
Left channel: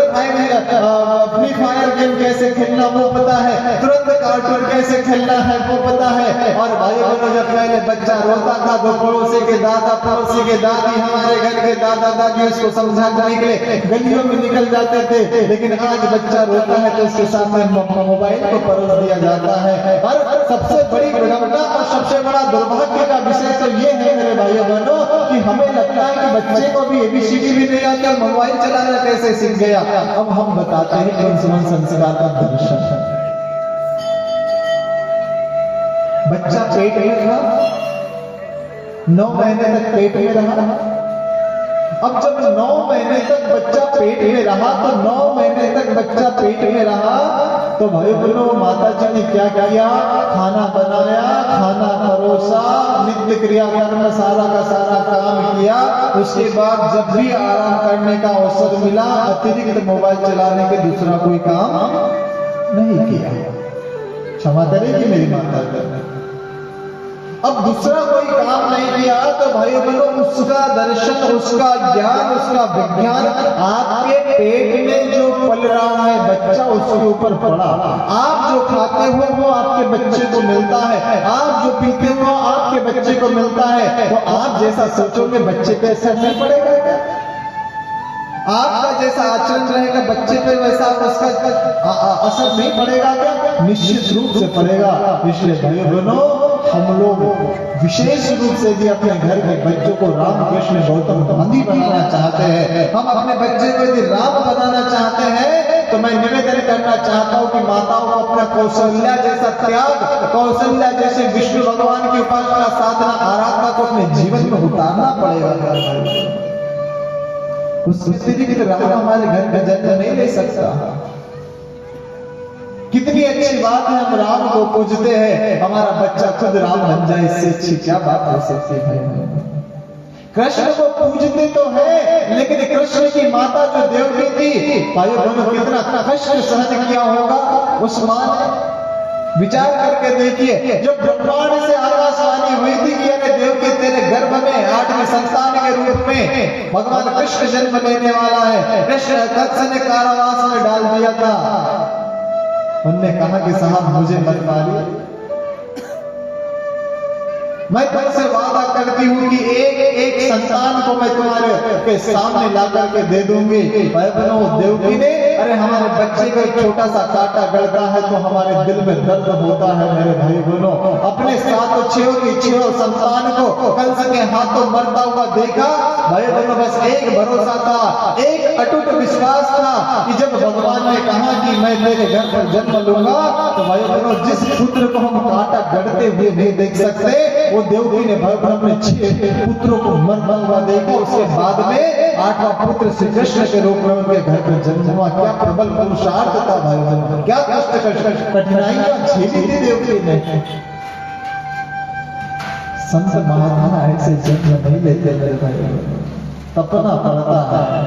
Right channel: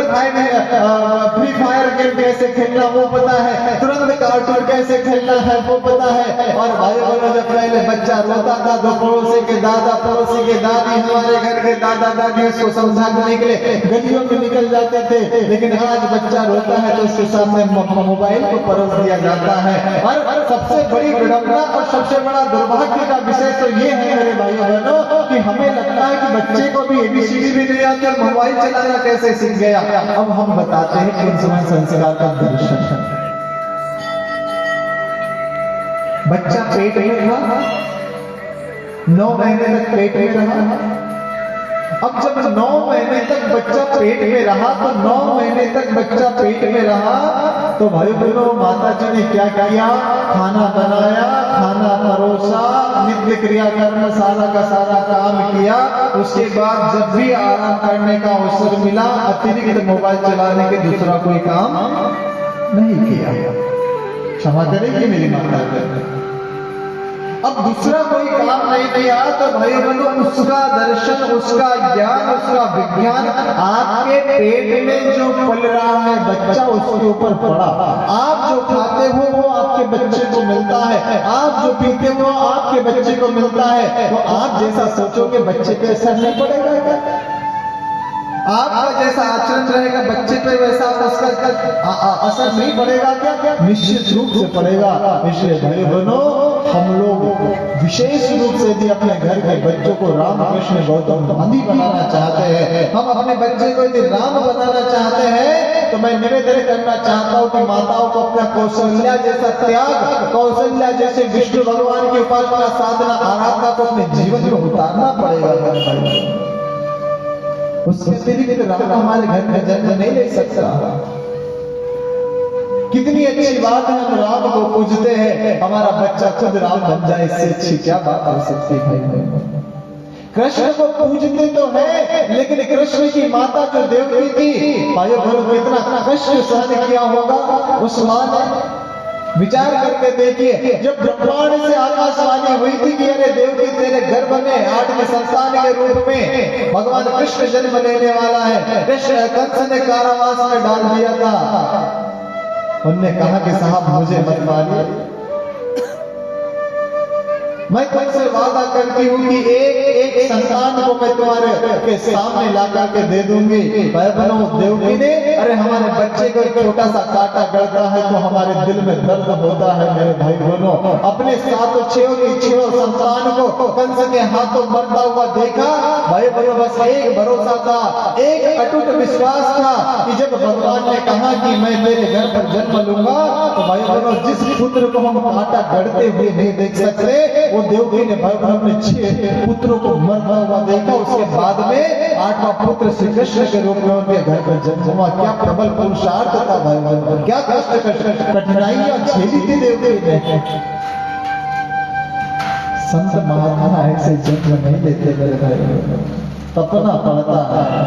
फ्री फायर गेम कैसे खेलना वो पता है, तुरंत कार्टून कैसे खेलना है वो पता है। और भाई बहनों जब पहले बच्चा रोता था तो पड़ोसी के दादा पड़ोसी के दादी हमारे घर के दादा दादी उसको समझाने के लिए गलियों में निकल जाते थे, लेकिन आज बच्चा रोता है तो उसके सामने मोबाइल को परोस दिया जाता है। और सबसे बड़ी विडंबना और सबसे बड़ा दुर्भाग्य का विषय तो ये है मेरे भाइयों बहनों कि हमें लगता है कि बच्चे को भी एबीसीडी भी नहीं आते, मोबाइल चलाना कैसे सीख गया। अब हम बताते हैं कौन सा संस्कार का दर्शन है। बच्चा पेट में था, 9 महीने तक पेट में रहा। अब जब 9 महीने तक बच्चा पेट में रहा तो 9 महीने तक बच्चा पेट में रहा तो भाई बहनों माता जी ने क्या किया, खाना बनाया, खाना परोसा, नित्य क्रियाकर्म सारा का सारा काम किया। उसके बाद जब भी आराम करने का अवसर मिला, अतिरिक्त मोबाइल चलाने के दूसरा कोई काम नहीं किया। क्षमा करेंगे मेरी माता। अब दूसरा कोई काम नहीं किया तो भाई बहनों, उसका दर्शन, उसका ज्ञान, उसका विज्ञान आपके पेट में जो पल रहा है बच्चा, उसके ऊपर पड़ा। आप जो खाते हो वो आपके बच्चे को मिलता है, आप जो पीते हो आपके बच्चे को मिलता है। तो आप जैसा सोचोगे बच्चे पे असर नहीं पड़ेगा क्या? आपका जैसा आचरण रहेगा बच्चे पे वैसा उसका असर नहीं पड़ेगा क्या? निश्चित रूप से पड़ेगा। इसलिए भाई बहनों, हम लोग विशेष रूप से भी अपने घर के बच्चों को रामकृष्ण गौतम गांधी बनाना चाहते हैं, हम अपने बच्चे को यदि राम बनाना चाहते हैं, तो मैं निवेदन करना चाहता हूं कि माताओं को अपना कौशल्या जैसा त्याग, कौशल्या जैसे विष्णु भगवान की उपासना, साधना, आराधना को अपने जीवन में उतारना पड़ेगा। उसके अतिरिक्त राम हमारे घर में जन्म नहीं ले सकता। कितनी अच्छी बात है, हम राम को पूजते हैं, हमारा बच्चा खुद राम बन जाए, इससे अच्छी क्या बात हो सकती है? कृष्ण को पूजते तो है, लेकिन कृष्ण की माता जो देवकी थी, भाई बहनों, कितना कष्ट सहन किया होगा उस मां ने। विचार करके देखिए, जब ब्रह्मांड से आकाशवाणी हुई थी कि अरे देवकी तेरे गर्भ में 8वें संतान के रूप में भगवान कृष्ण जन्म लेने वाला है, कृष्ण कंस ने कारावास में डाल दिया था। उनने कहा कि साहब मुझे मत मारिए, मैं तुमसे वादा करती हूँ कि एक संतान को मैं तुम्हारे के सामने ला करके दे दूंगी। भाई बहनों, देवकी ने, अरे हमारे बच्चे को एक छोटा सा कांटा गड़ता है तो हमारे दिल में दर्द होता है। मेरे भाई बहनों, अपने 7 संतान को कंस के हाथों मरता हुआ देखा। भाई बहनों, बस एक भरोसा था, एक अटूट विश्वास था कि जब भगवान ने कहा कि मैं तेरे घर पर जन्म लूंगा, तो भाई बहनों, जिस पुत्र को हम कांटा गड़ते हुए नहीं देख सकते, वो देवकी ने भाई बहनों अपने 6 पुत्रों को मरता हुआ देखा। उसके बाद में 8वां पुत्र श्री कृष्ण के रूप में उनके घर पर जन्म हुआ। क्या प्रबल पुरुषार्थ था भाई बहनों, क्या कष्ट कठिनाइयां झेली थी देवकी ने। संत महात्मा ऐसे जन्म नहीं लेते मेरे भाई, तपना पड़ता है,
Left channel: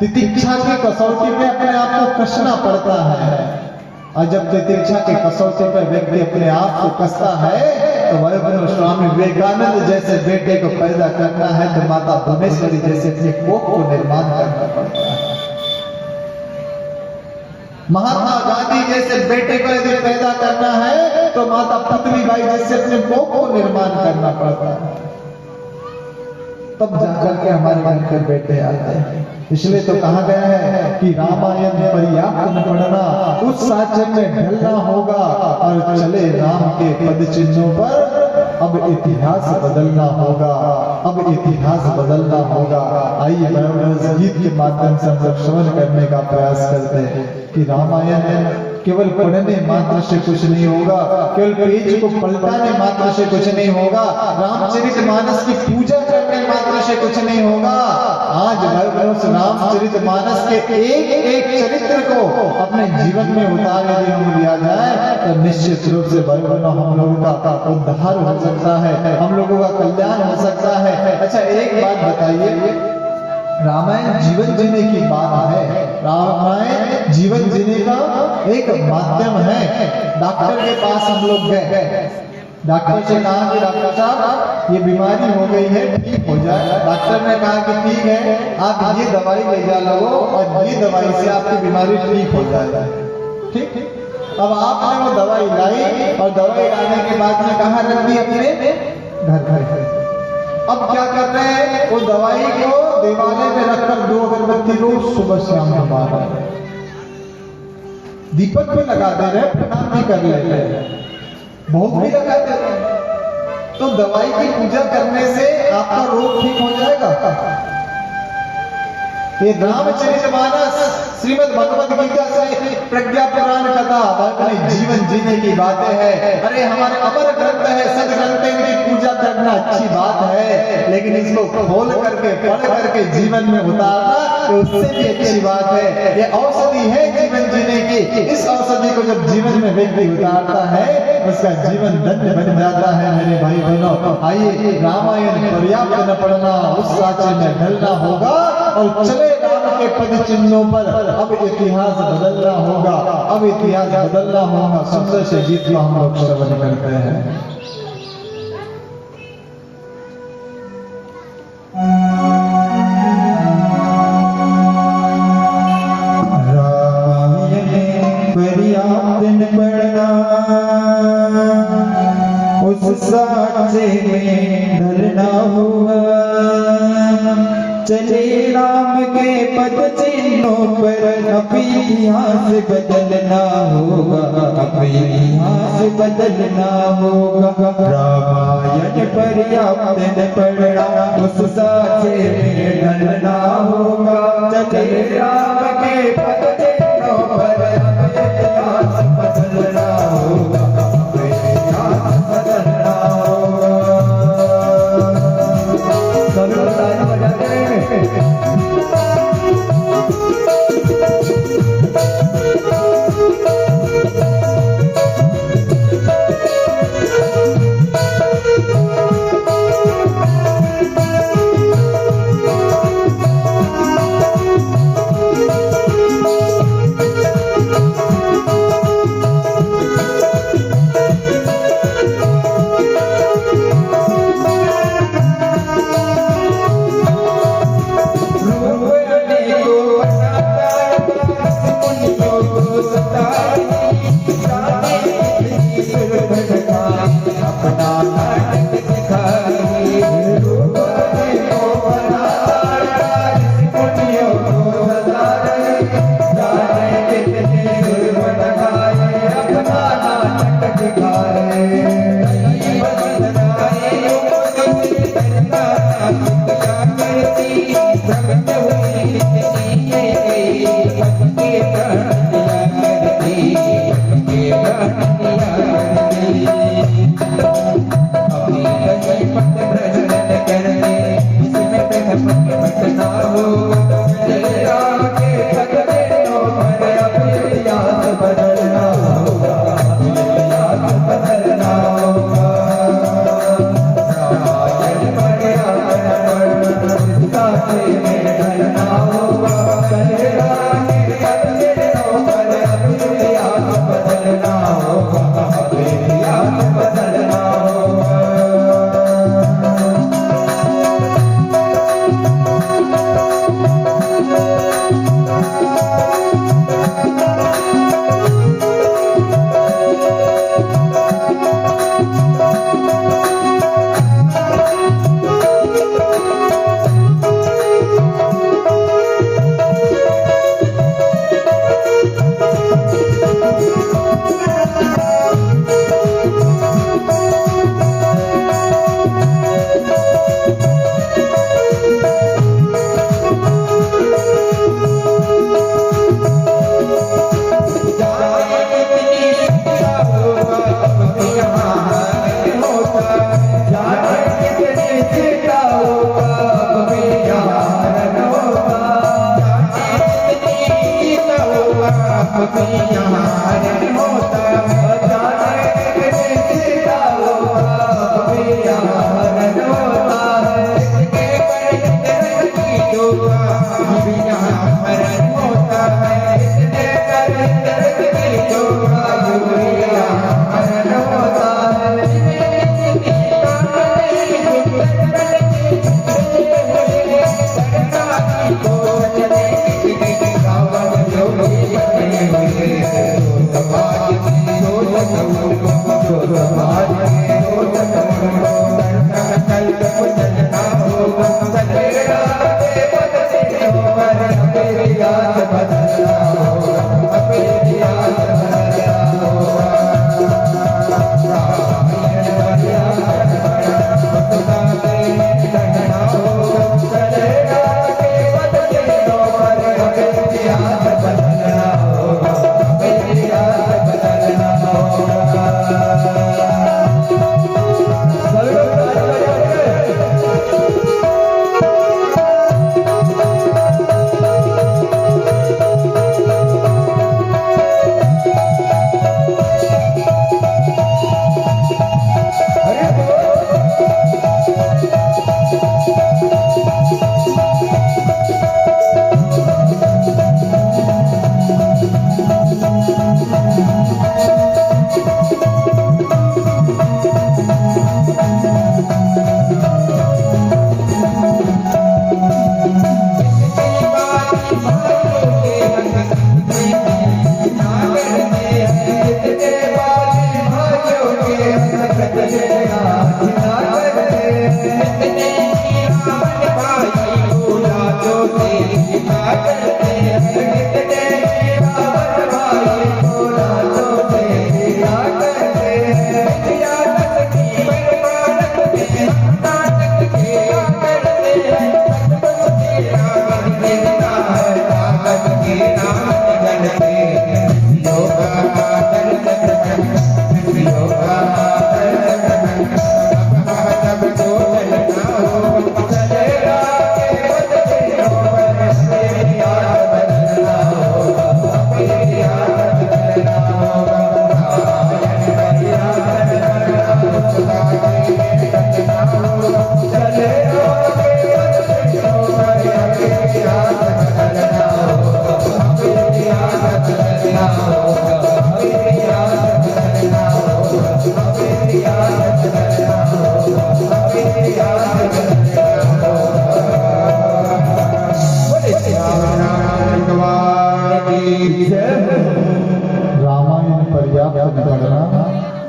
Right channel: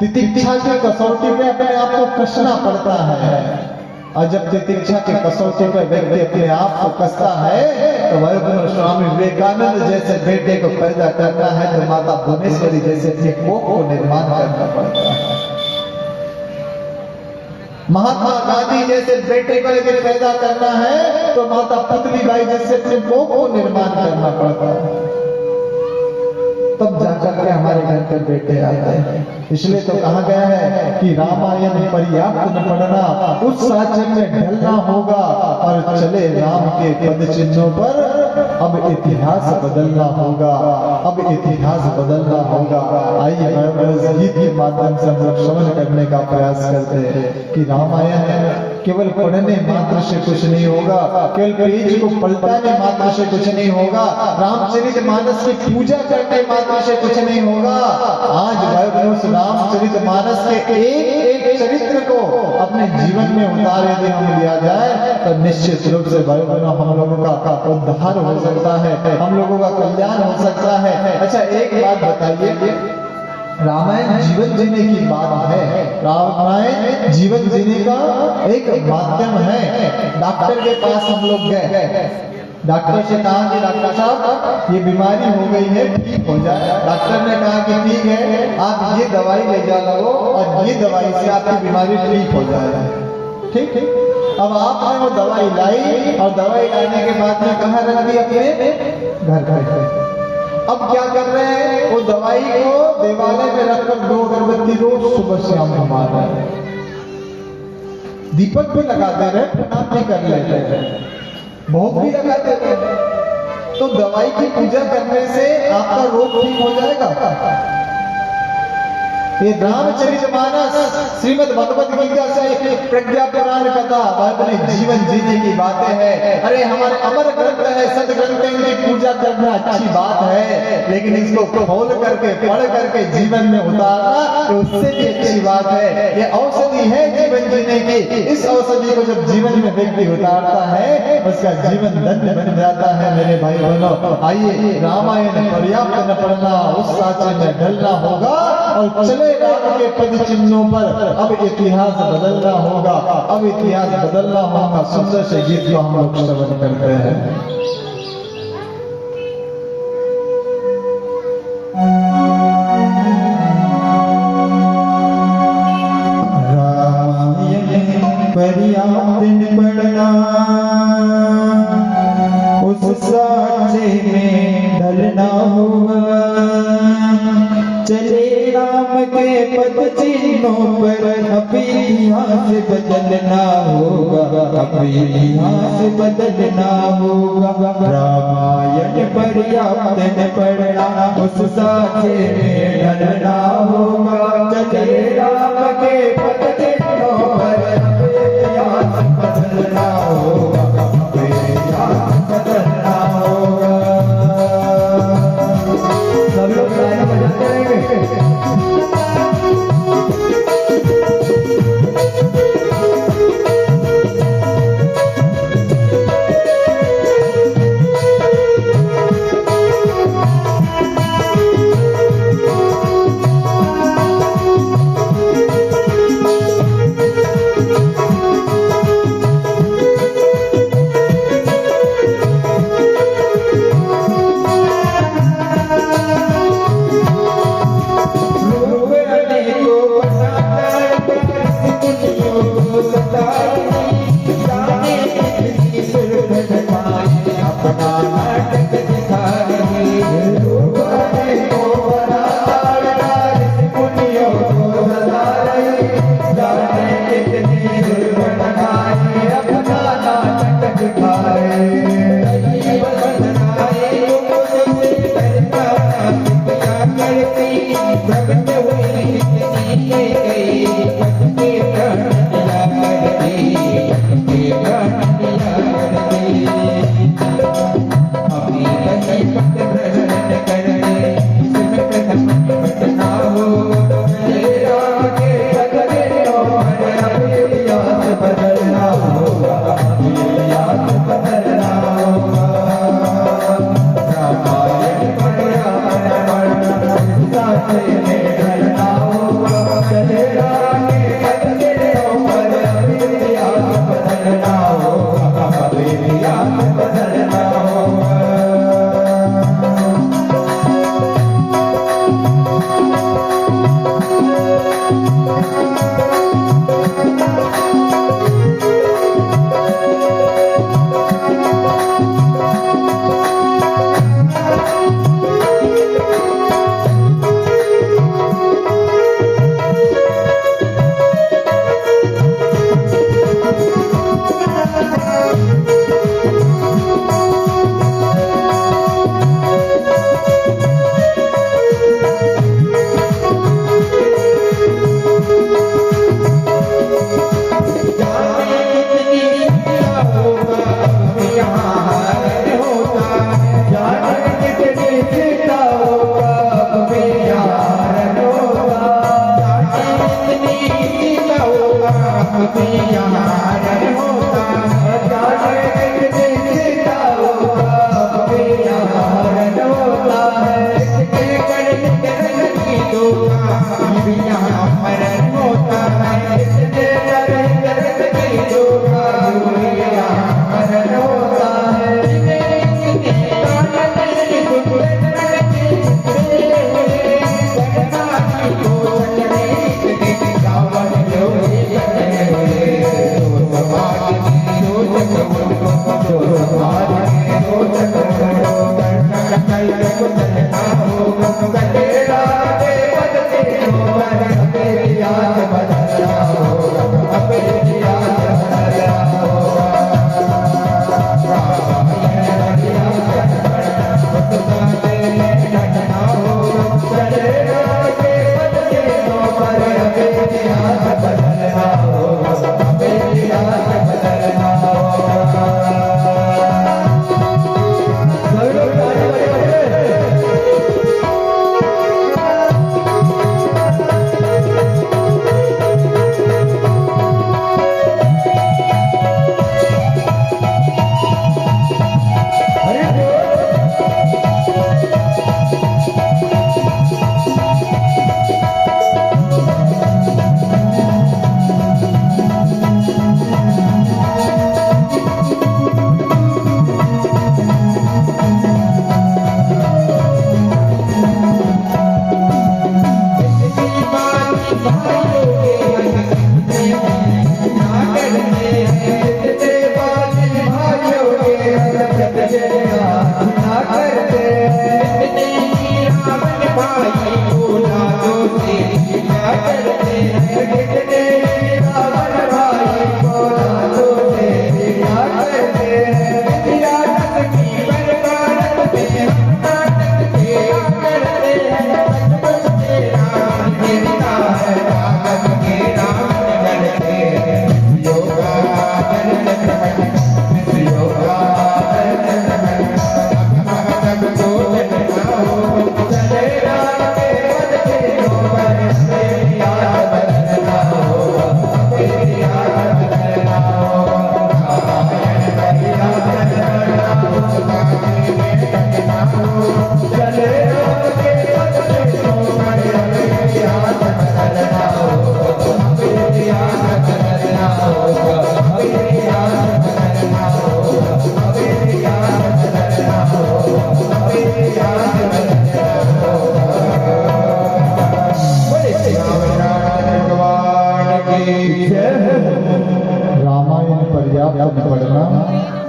तितिक्षा की कसौटी में अपने आप को कसना पड़ता है। और जब तितिक्षा की कसौटी पर व्यक्ति अपने आप को कसता है, तो भाई बहनों, स्वामी विवेकानंद जैसे बेटे को पैदा करना है तो माता भुवनेश्वरी जैसे अपने कोख को निर्माण करना पड़ता है। महात्मा गांधी जैसे बेटे को यदि पैदा करना है तो माता पुतली बाई जैसे अपने कोख को निर्माण करना पड़ता है, तब जाकर के हमारे घर के बेटे आते हैं। इसलिए तो कहा गया है कि रामायण पर्याप्त न पढ़ना, उस साचर में ढलना होगा और चले राम के पद चिन्हों पर अब इतिहास बदलना होगा, अब इतिहास बदलना होगा। आइए गीत के माध्यम से हम लोग श्रवण करने का प्रयास करते हैं कि रामायण केवल पढ़ने मात्र से कुछ नहीं होगा, केवल पेज को पलटाने मात्र से कुछ नहीं होगा, रामचरितमानस की पूजा करने मात्र से कुछ नहीं होगा। आज भाई बहनों, रामचरितमानस के एक चरित्र को अपने जीवन में उतार यदि हम लिया जाए तो निश्चित रूप से भाई बहनों हम लोगों का उद्धार हो सकता है, हम लोगों का कल्याण हो सकता है। अच्छा, एक बात बताइए, रामायण जीवन जीने की बात है, रामायण जीवन जीने का एक माध्यम है। डॉक्टर के पास हम लोग गए, डॉक्टर से कहा कि डॉक्टर साहब ये बीमारी हो गई है, ठीक हो जाए। डॉक्टर ने कहा कि ठीक है, आप ये दवाई ले जा लो और ये दवाई से आपकी बीमारी ठीक हो जाएगी। ठीक, अब आपने वो दवाई लाई और दवाई लाने के बाद में कहाँ रख दी? अपने घर पर। अब क्या कर रहे हैं, वो दवाई को देवालय में रखकर 2 अगरबत्ती रोज सुबह शाम जमा रहे हैं, दीपक भी लगा दे रहे, प्रणाम भी कर ले रहे, बहुत भी लगा दे रहे। तो दवाई की पूजा करने से आपका रोग ठीक हो जाएगा? ये रामचरितमानस, श्रीमद् भगवद गीता से प्रज्ञा पुराण कथा, अपने जीवन जीने की बातें हैं। अरे हमारे अमर ग्रंथ है, सद ग्रंथ, इनकी पूजा पूजा करना अच्छी बात है, लेकिन इसको खोल करके पढ़ करके जीवन में उतारना तो उससे भी अच्छी बात है। ये औषधि है जीवन जीने की। इस औषधि को जब जीवन में व्यक्ति उतारता है उसका जीवन धन्य बन जाता है। मेरे भाई बहनों, आइए रामायण पर्याप्त न पढ़ना, उस साचे में ढलना होगा और चले राम के पद चिन्हों पर। अब इतिहास बदलना होगा, अब इतिहास बदलना होगा। सुंदर से गीत को हम लोग श्रवण करते हैं। पढ़ना उस साचे में ढलना होगा। चले राम के पद चिन्हों पर अब इतिहास बदलना होगा, अब इतिहास बदलना होगा। रामायण पर्याप्त न पढ़ना उस साचे में ढलना होगा। चले राम के पद चिन्हों पर बदलना होगा, बदलना होगा। सब लोग गाने बजाते रहेंगे।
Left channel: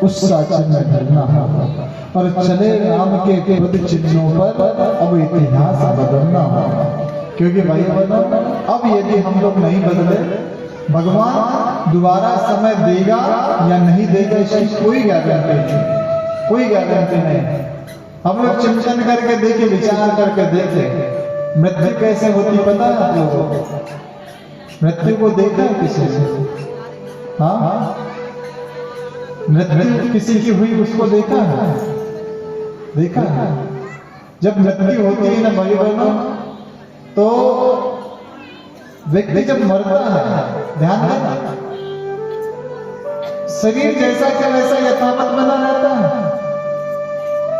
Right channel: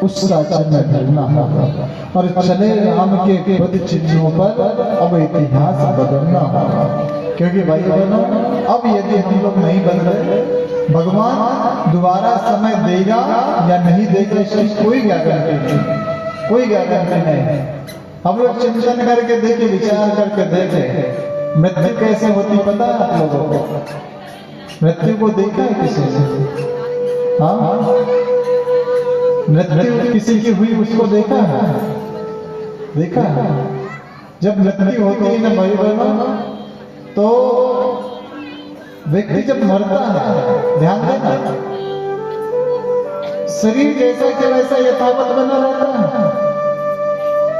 उस साक्ष्य में ढलना होगा और चले राम के पद चिन्हों पर अब इतिहास बदलना होगा। क्योंकि भाई बहनों, अब यदि हम लोग नहीं बदले, भगवान दोबारा समय देगा या नहीं देगा इसकी कोई गारंटी नहीं, कोई गारंटी नहीं। हम लोग चिंतन करके देखे, विचार करके देखे, मृत्यु कैसे होती पता है आप लोगों को? मृत्यु को देखा है किसी से? हाँ, मृत्यु किसी की हुई उसको देखा है? देखा है? जब मृत्यु होती है ना मेरी बहनों, तो व्यक्ति जब मरता है, ध्यान देना, शरीर जैसा कि वैसा यथावत बना रहता है,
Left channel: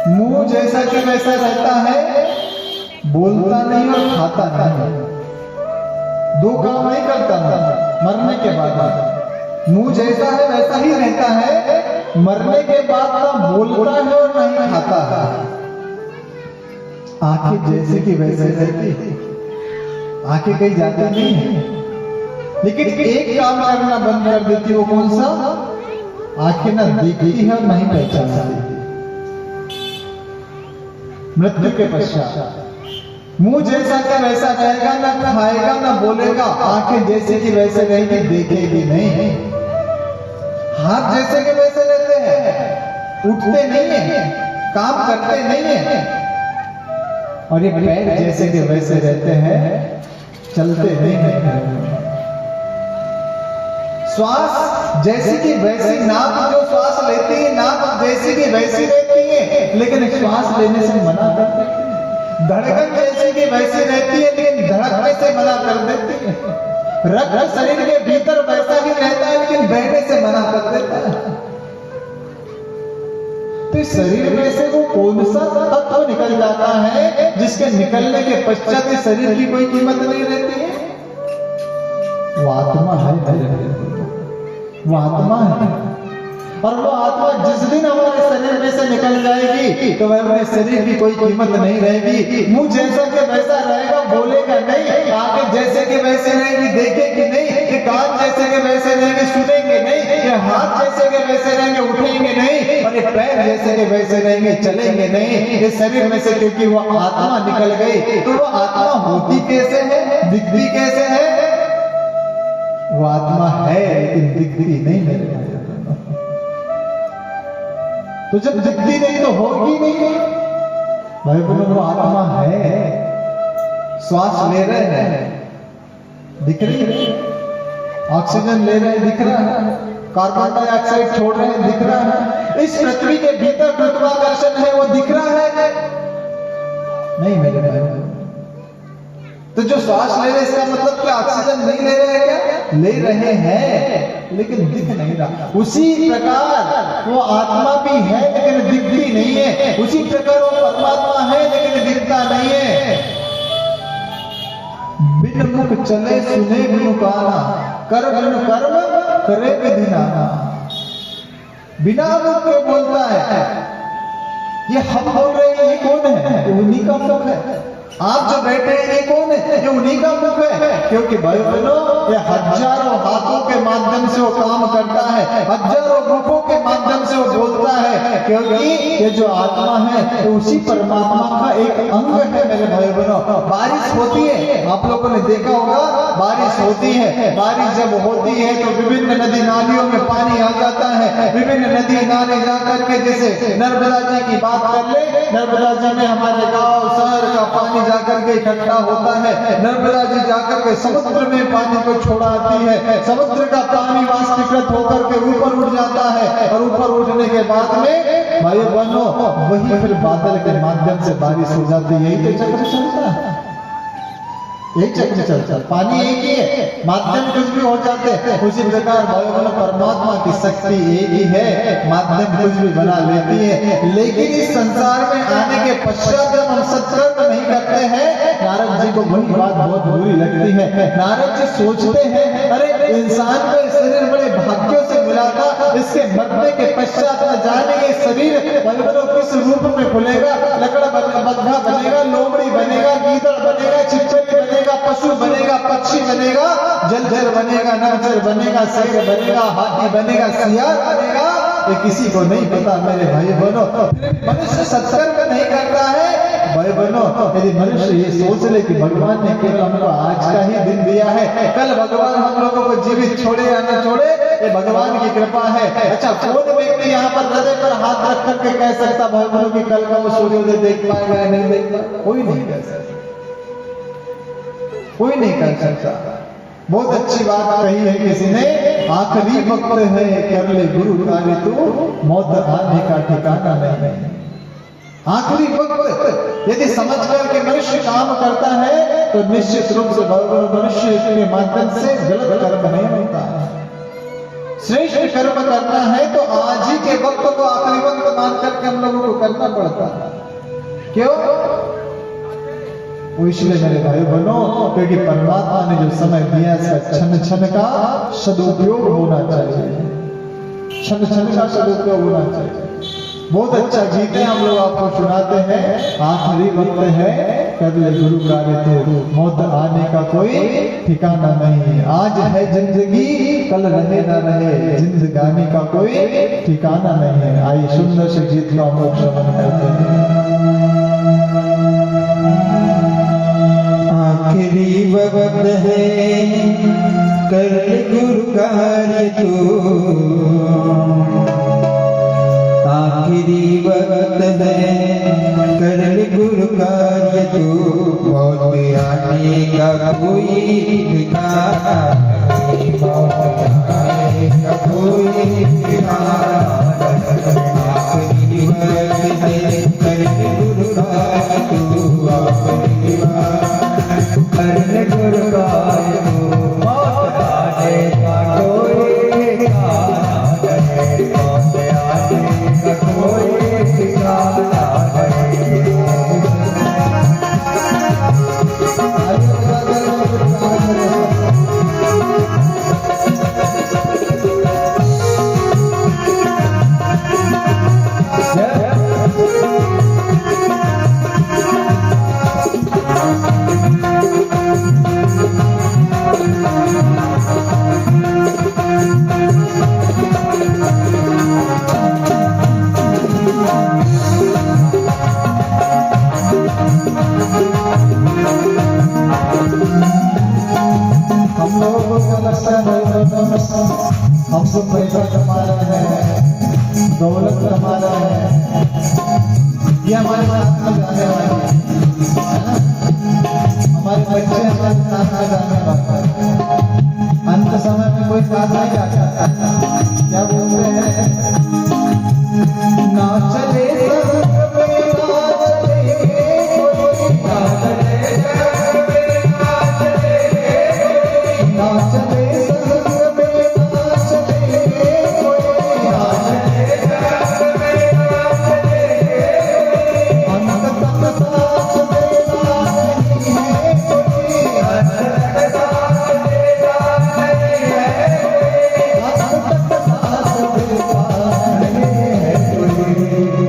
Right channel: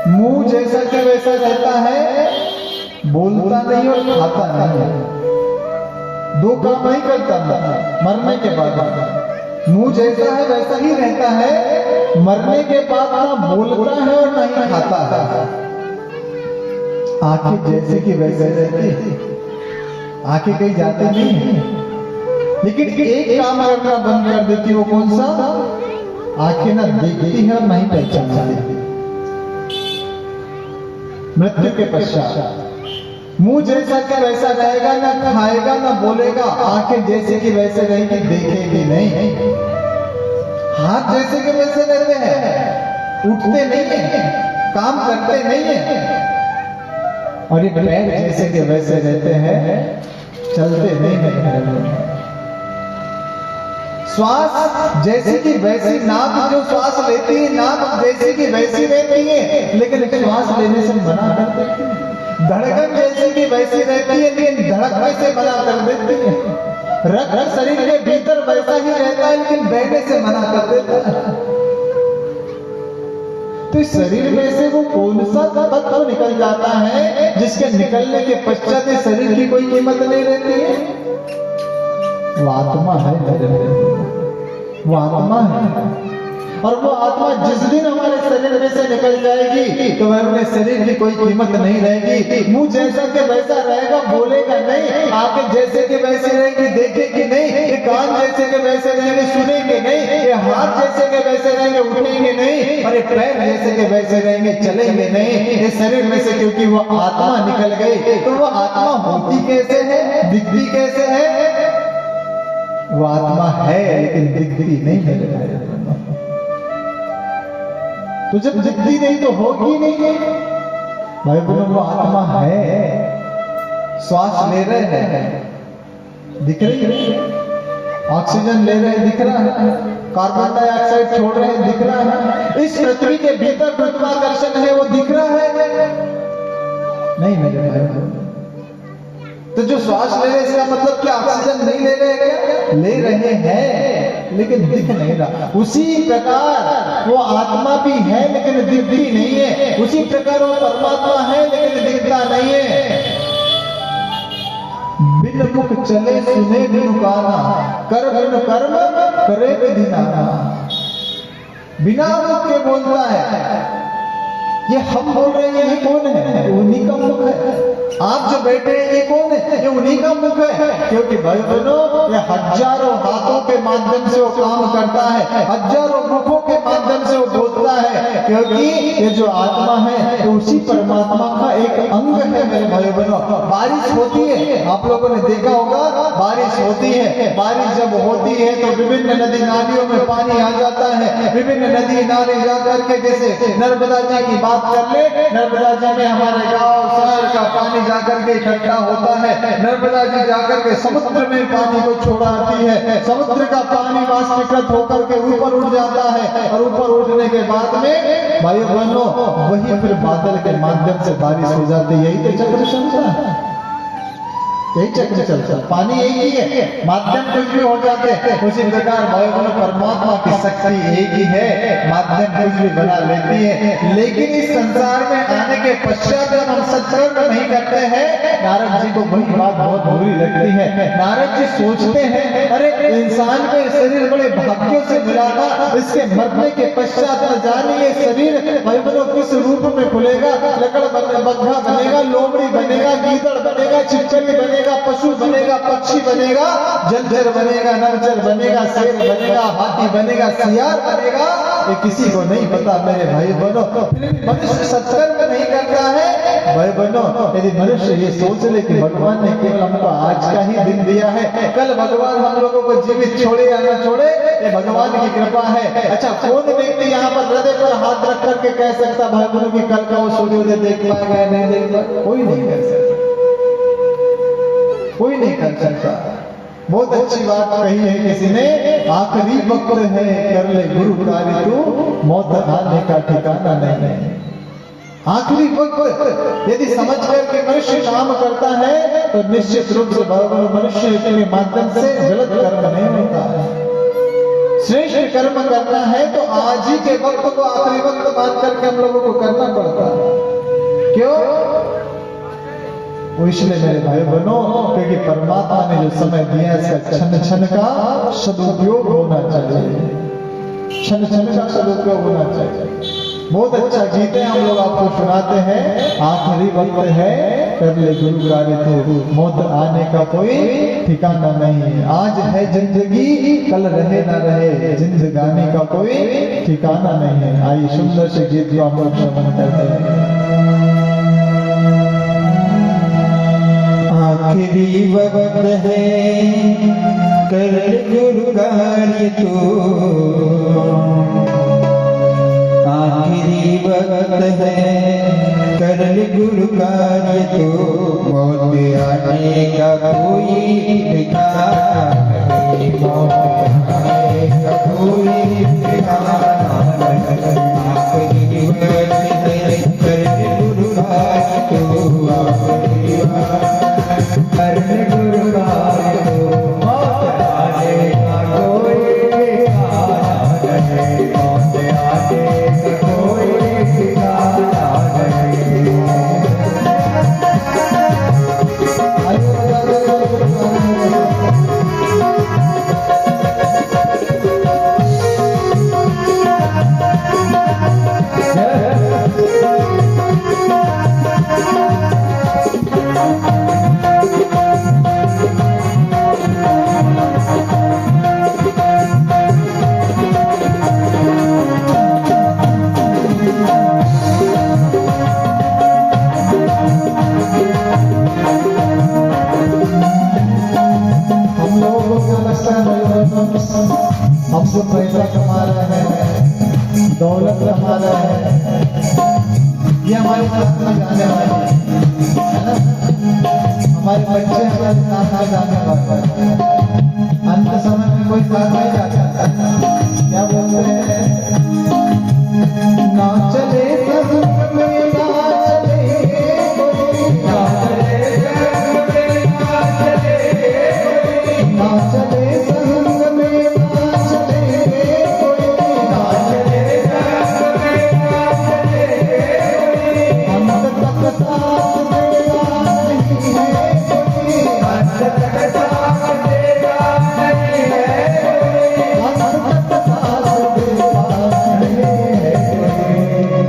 मुंह जैसा कि वैसा रहता है, बोलता नहीं और खाता नहीं, दो काम नहीं करता ना मरने के बाद। मुंह जैसा है वैसा ही रहता है, मरने के बाद ना बोलता है और नहीं खाता है। आंखें जैसे कि वैसे रहती है, आंखें कहीं जाते नहीं है, लेकिन एक काम करना बंद कर देती, वो कौन सा? आंखें ना देखती है, नहीं पहचानती। मृत्यु के पश्चात मुंह जैसा कि वैसा रहेगा, ना खाएगा ना बोलेगा, आंखें जैसे कि वैसे रहेगी, देखेगी नहीं। हाथ जैसे कि वैसे रहते हैं, उठते नहीं है, काम करते नहीं है, और ये पैर जैसे कि वैसे रहते हैं, चलते नहीं है। श्वास जैसे कि वैसी, नाक जो श्वास लेती है नाक जैसे कि वैसी रहती है, लेकिन श्वास लेने से मना कर देती है। धड़कन जैसी कि वैसी रहती है, लेकिन धड़कने से मना कर देती है। रक्त शरीर के भीतर वैसा ही रहता है, लेकिन बहने से मना कर देता है। तो शरीर में से वो कौन सा तत्व निकल जाता है जिसके निकलने के पश्चात शरीर की कोई कीमत नहीं रहती है? वो आत्मा है, वो आत्मा है। और वो आत्मा जिस दिन हमारे शरीर में से निकल जाएगी तो वह अपने शरीर की कोई कीमत नहीं रहेगी। मुंह जैसा कि वैसा रहेगा, बोलेगा नहीं, आंखें जैसे कि वैसे रहेगी, देखेगी नहीं, ये कान जैसे कि वैसे रहेंगे, सुनेंगे नहीं, ये हाथ जैसे कि वैसे रहेंगे, उठेंगे नहीं, और ये पैर जैसे कि वैसे रहेंगे, चलेंगे नहीं इस शरीर में से, क्योंकि वो आत्मा निकल गई। तो वो आत्मा होती कैसे है, दिखती कैसे है? वो आत्मा है लेकिन दिखती नहीं है। तो जब दिखती नहीं तो होगी नहीं। भाई बोले वो आत्मा है, श्वास ले रहे हैं, दिख रही है, ऑक्सीजन ले रहे हैं, दिख रहा है, कार्बन डाइऑक्साइड छोड़ रहे हैं, दिख रहा है, इस पृथ्वी के भीतर गुरुत्वाकर्षण है, वो दिख रहा है नहीं मेरे भाई। तो जो श्वास ले रहे हैं इसका मतलब कि ऑक्सीजन नहीं ले रहे हैं क्या? ले रहे हैं लेकिन दिख नहीं रहा। उसी प्रकार वो आत्मा भी है लेकिन दिखती नहीं है, उसी प्रकार वो परमात्मा है लेकिन दिखता नहीं है। बिन मुख चले सुने बिनु काना, कर बिनु कर्म करे विधिनाना। बिना मुख के बोलता है, ये हम बोल रहे हैं, ये कौन है? ये उन्हीं का मुख है। आप जो बैठे हैं ये कौन है? ये उन्हीं का मुख है। क्योंकि भाई बहनों, ये हजारों हाथों के माध्यम से वो काम करता है, हजारों मुखों के माध्यम से वो बोलता है, क्योंकि ये जो आत्मा है तो उसी परमात्मा का एक अंग है मेरे भाई बहनों। बारिश होती है, आप लोगों ने देखा होगा, बारिश होती है, बारिश जब होती है तो विभिन्न नदी नालियों में पानी आ जाता है। विभिन्न नदी नाले जाकर के, जैसे नर्मदा जी की बात कर ले, नर्मदा जी में हमारे गांव शहर का पानी जाकर के इकट्ठा होता है। नर्मदा जी जाकर के समुद्र में पानी को छोड़ाती है, समुद्र का पानी वाष्पीकृत होकर के ऊपर उठ जाता है, और ऊपर उठने के बाद में भाई बहनों वही फिर बादल के माध्यम से बारिश हो जाती है। यही तो चक्र चलता है, यही चक्र चलता है। पानी एक ही है, माध्यम कुछ भी हो जाते हैं। उसी प्रकार भाई बहनों परमात्मा की शक्ति एक ही है, माध्यम कुछ भी बना लेती है। लेकिन इस संसार में आने के पश्चात जब हम सत्कर्म नहीं करते हैं, नारद जी को वही बात बहुत बुरी लगती है। नारद जी सोचते हैं, अरे इंसान के शरीर बड़े भाग्यों से मिला था, इसके मरने के पश्चात न जाने ये शरीर भाई बहनों किस रूप में खुलेगा, लकड़ बंधा बनेगा, लोमड़ी बनेगा, गीदड़ बनेगा, चिड़चिड़ी बनेगा, पशु बनेगा, पक्षी बनेगा, जलचर बनेगा, नरचर बनेगा, शेर बनेगा, हाथी बनेगा, सियार बनेगा, ये किसी को नहीं पता मेरे भाई बहनों। मनुष्य सत्कर्म नहीं करता है भाई बहनों, यदि मनुष्य ये सोच ले कि भगवान ने केवल हमको आज का ही दिन दिया है, कल भगवान हम लोगों को जीवित छोड़े या न छोड़े, ये भगवान की कृपा है। अच्छा, कौन व्यक्ति यहाँ पर हृदय पर हाथ रख करके कह सकता भाई बहनों कि कल का वो सूर्योदय देख पाएगा या नहीं देख पाएगा? कोई नहीं कह सकता, कोई नहीं कर सकता। बहुत अच्छी बात कही है किसी ने, आखिरी वक्त है कर ले गुरु कार्य तू, मौत आने का ठिकाना नहीं है। आखिरी वक्त यदि समझ गए कि मनुष्य काम करता है तो निश्चित रूप से भगवान मनुष्य के माध्यम से गलत कर्म नहीं होता है। श्रेष्ठ कर्म करना है तो आज ही के वक्त को आखिरी वक्त मान करके हम लोगों को करना पड़ता है। क्यों? वो इसलिए मेरे भाई बहनों, क्योंकि परमात्मा ने जो समय दिया इसका क्षण क्षण का सदुपयोग होना चाहिए, क्षण क्षण का सदुपयोग होना चाहिए। बहुत अच्छा गीत है, हम लोग आपको सुनाते हैं, आखिरी वक्त है कर ले गुरु कार्य तू, मौत आने का कोई ठिकाना नहीं है। आज है जिंदगी, कल रहे न रहे, जिंदगानी का कोई ठिकाना नहीं है। आइए सुंदर से गीत को हम लोग श्रवण करते हैं। आखिरी वक्त है कर ले गुरु कार्य तू, आखिरी वक्त है कर ले गुरु कार्य तू, मौत आने का कोई ठिकाना नहीं, मौत आने का कोई ठिकाना नहीं। आखिरी वक्त है कर ले गुरु कार्य तू, आखिरी कर ले गुरु कार्य तू, मौत आने का कोई ठिकाना नहीं, मौत आने का कोई ठिकाना नहीं। हम लोगों को लगता है भाई बहनों, हम तो पैसा कमा रहे हैं, दौलत कमा रहे हैं, ये हमारे साथ में जाने वाला है ना, हमारे बच्चे हमारे साथ में जाने वाला है। अंत समय में कोई साथ नहीं जाता, क्या बोलते हैं, ना चले समुद्र में ना चले कोई, ना चले ना चले समुद्र में ना चले कोई, ना चले हम तक साथ देना नहीं है कोई, हम तक साथ देना नहीं है कोई, हम तक साथ देना नहीं है कोई।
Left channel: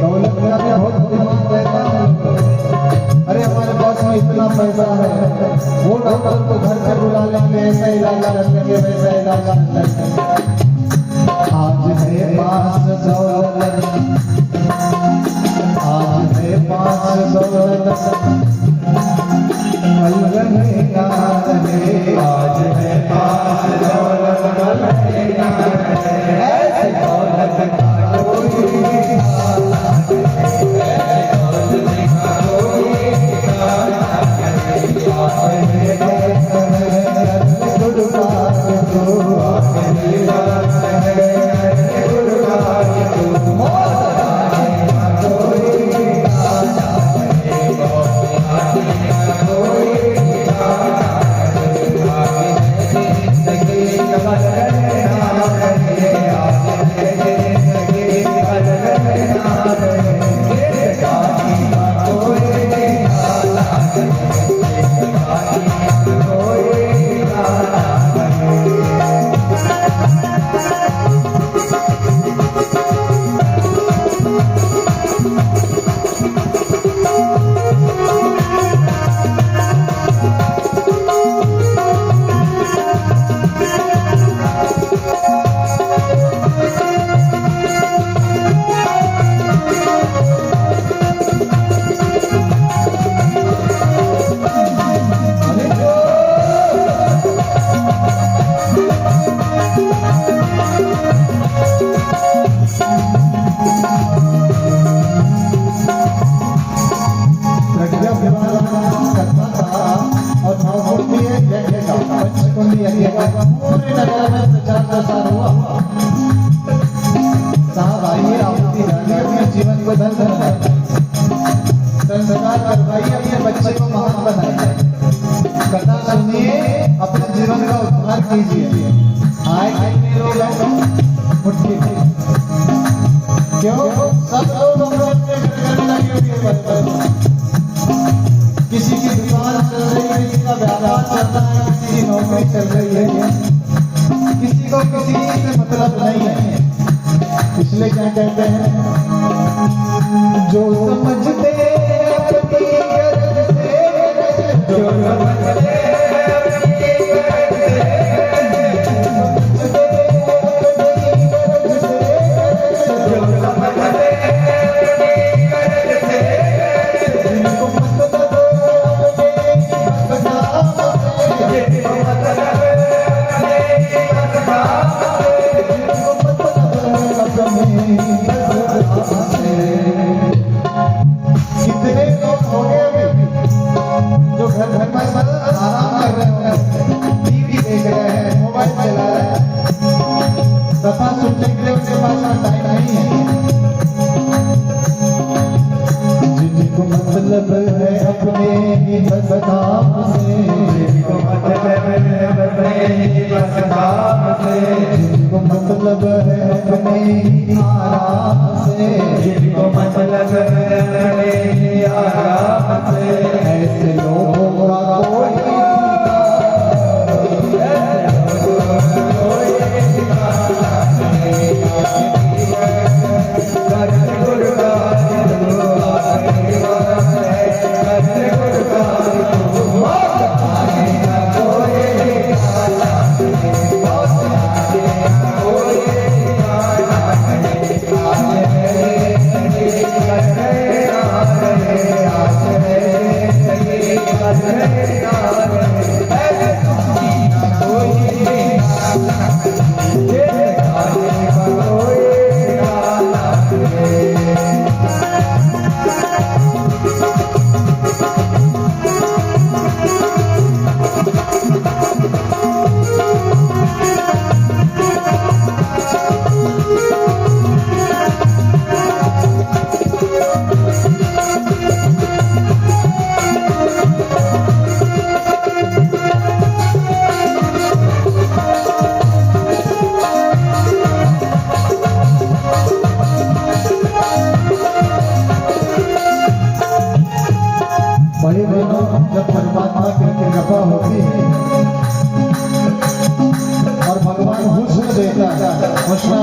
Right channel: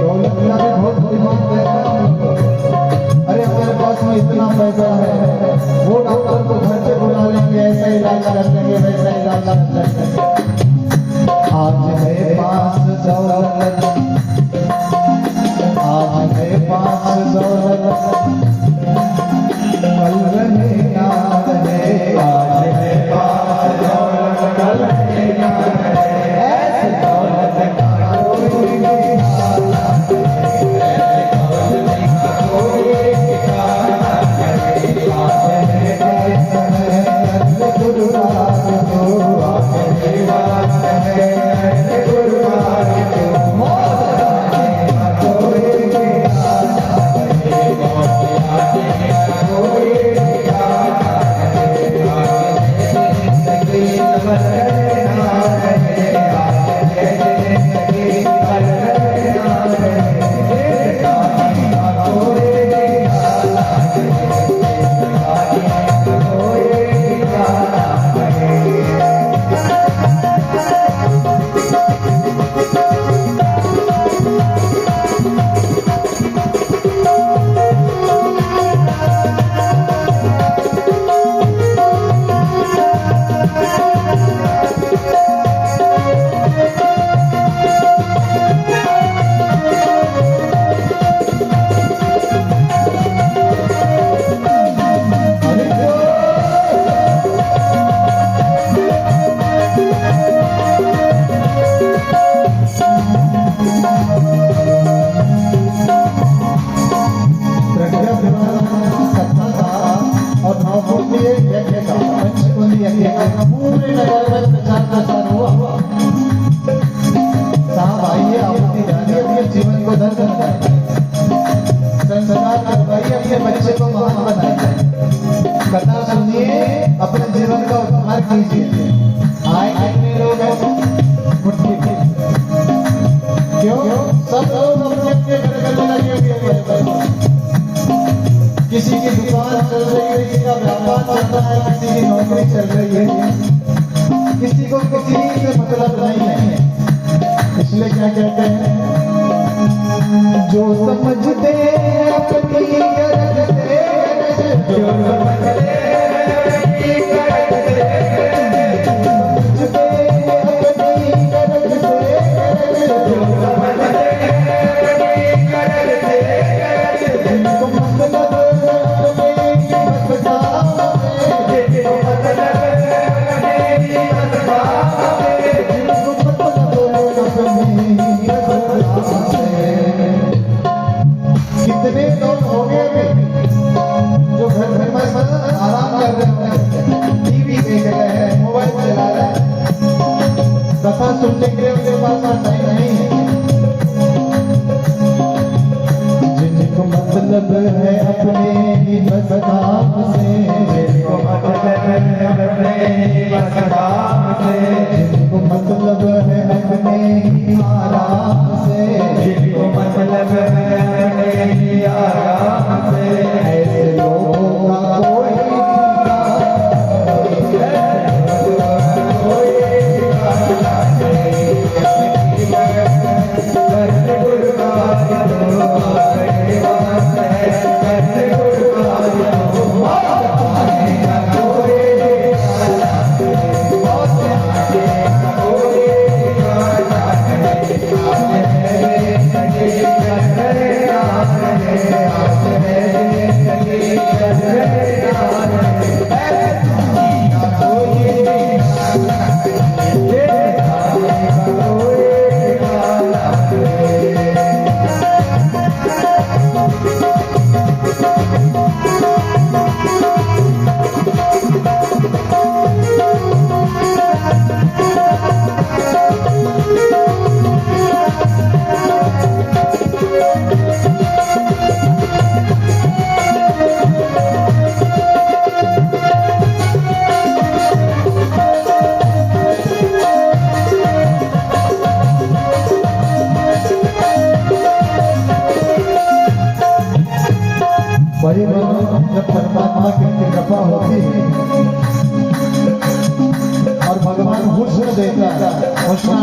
दौलत में बहुत दिमाग रहता है, अरे हमारे पास में इतना पैसा है, वो डॉक्टर को घर से बुला लेंगे, ऐसा इलाज कर लेंगे, वैसा इलाज कर लेंगे। आज है पास दौलत, आज है पास दौलत, कल रहे याद है, आज है पास दौलत, कल रहे याद है, ऐसी दौलत का कोई ठिकाना नहीं, ऐसी दौलत का कोई ठिकाना नहीं। आखिरी वक्त है कर ले गुरु कार्य तू, आखिरी वक्त है कर ले गुरु कार्य तू, मौत आने का कोई ठिकाना नहीं, मौत आने का कोई ठिकाना नहीं। आगे जिंदगी कर रहना नहीं, आगे जिंदगी कर रहना नहीं, जिंदगानी का कोई ठिकाना नहीं, जिंदगानी का कोई ठिकाना नहीं। मतलब नहीं है। इसलिए क्या कहते हैं, जो समझते हैं अपनी गरज से, जो समझते हैं अपनी गरज से, समझते हैं अपनी गरज से, जो समझते हैं अपनी गरज से, जिनको मतलब कितने लोग हो गए जो घर घर में आराम कर रहे हैं, टीवी देख रहे हैं, मोबाइल चला रहे हैं, कथा सुनने के लिए उनके पास टाइम नहीं है। जिनको मतलब है अपने ही बस काम से, जिनको मतलब है अपने ही बस काम से, जिनको मतलब है अपने ही आराम से, जिनको मतलब है अपने ही आराम से, ऐसे लोगों का कोई बड़ी बड़ी जब परमात्मा की कृपा होती है और भगवान हुस्न देता है, हुस्न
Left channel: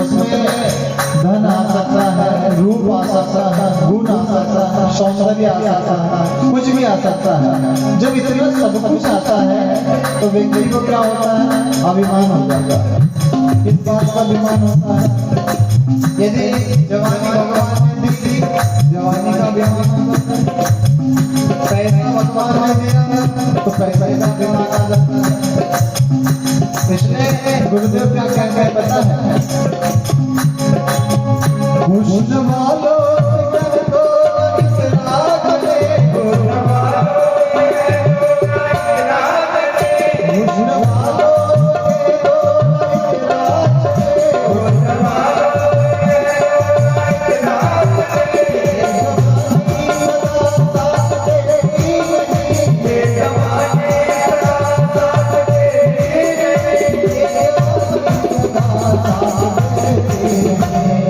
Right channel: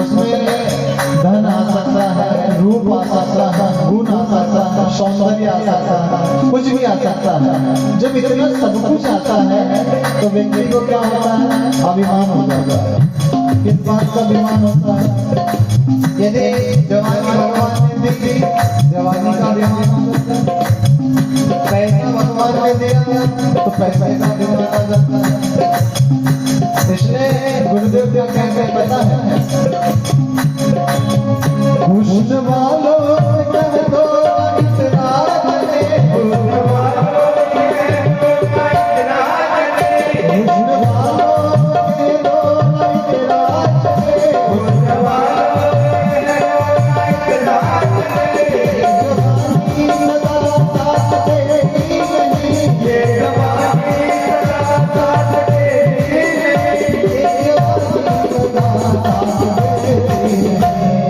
उसमें धन आ सकता है, रूप आ सकता है, गुण आ सकता है, सौंदर्य आ सकता है, कुछ भी आ सकता है। जब इतना सब कुछ आता है तो व्यक्ति को क्या होता है, अभिमान हो जाता है। इस बात का अभिमान होता है, यदि जवानी भगवान ने दी थी, जवानी का अभिमान होता है, पैसा भगवान ने दिया तो पैसे का अभिमान आ जाता है। इसलिए गुरुदेव क्या कहते हैं पता है, हुस्न वालों का तो इतराज है, हुस्न वालों का इतराज है, हुस्न वालों के तो इतराज है, हुस्न वालों के तो इतराज है, जवानी सदा साथ देती नहीं, ये जवानी सदा साथ देती नहीं, ये जवानी सदा साथ देती नहीं।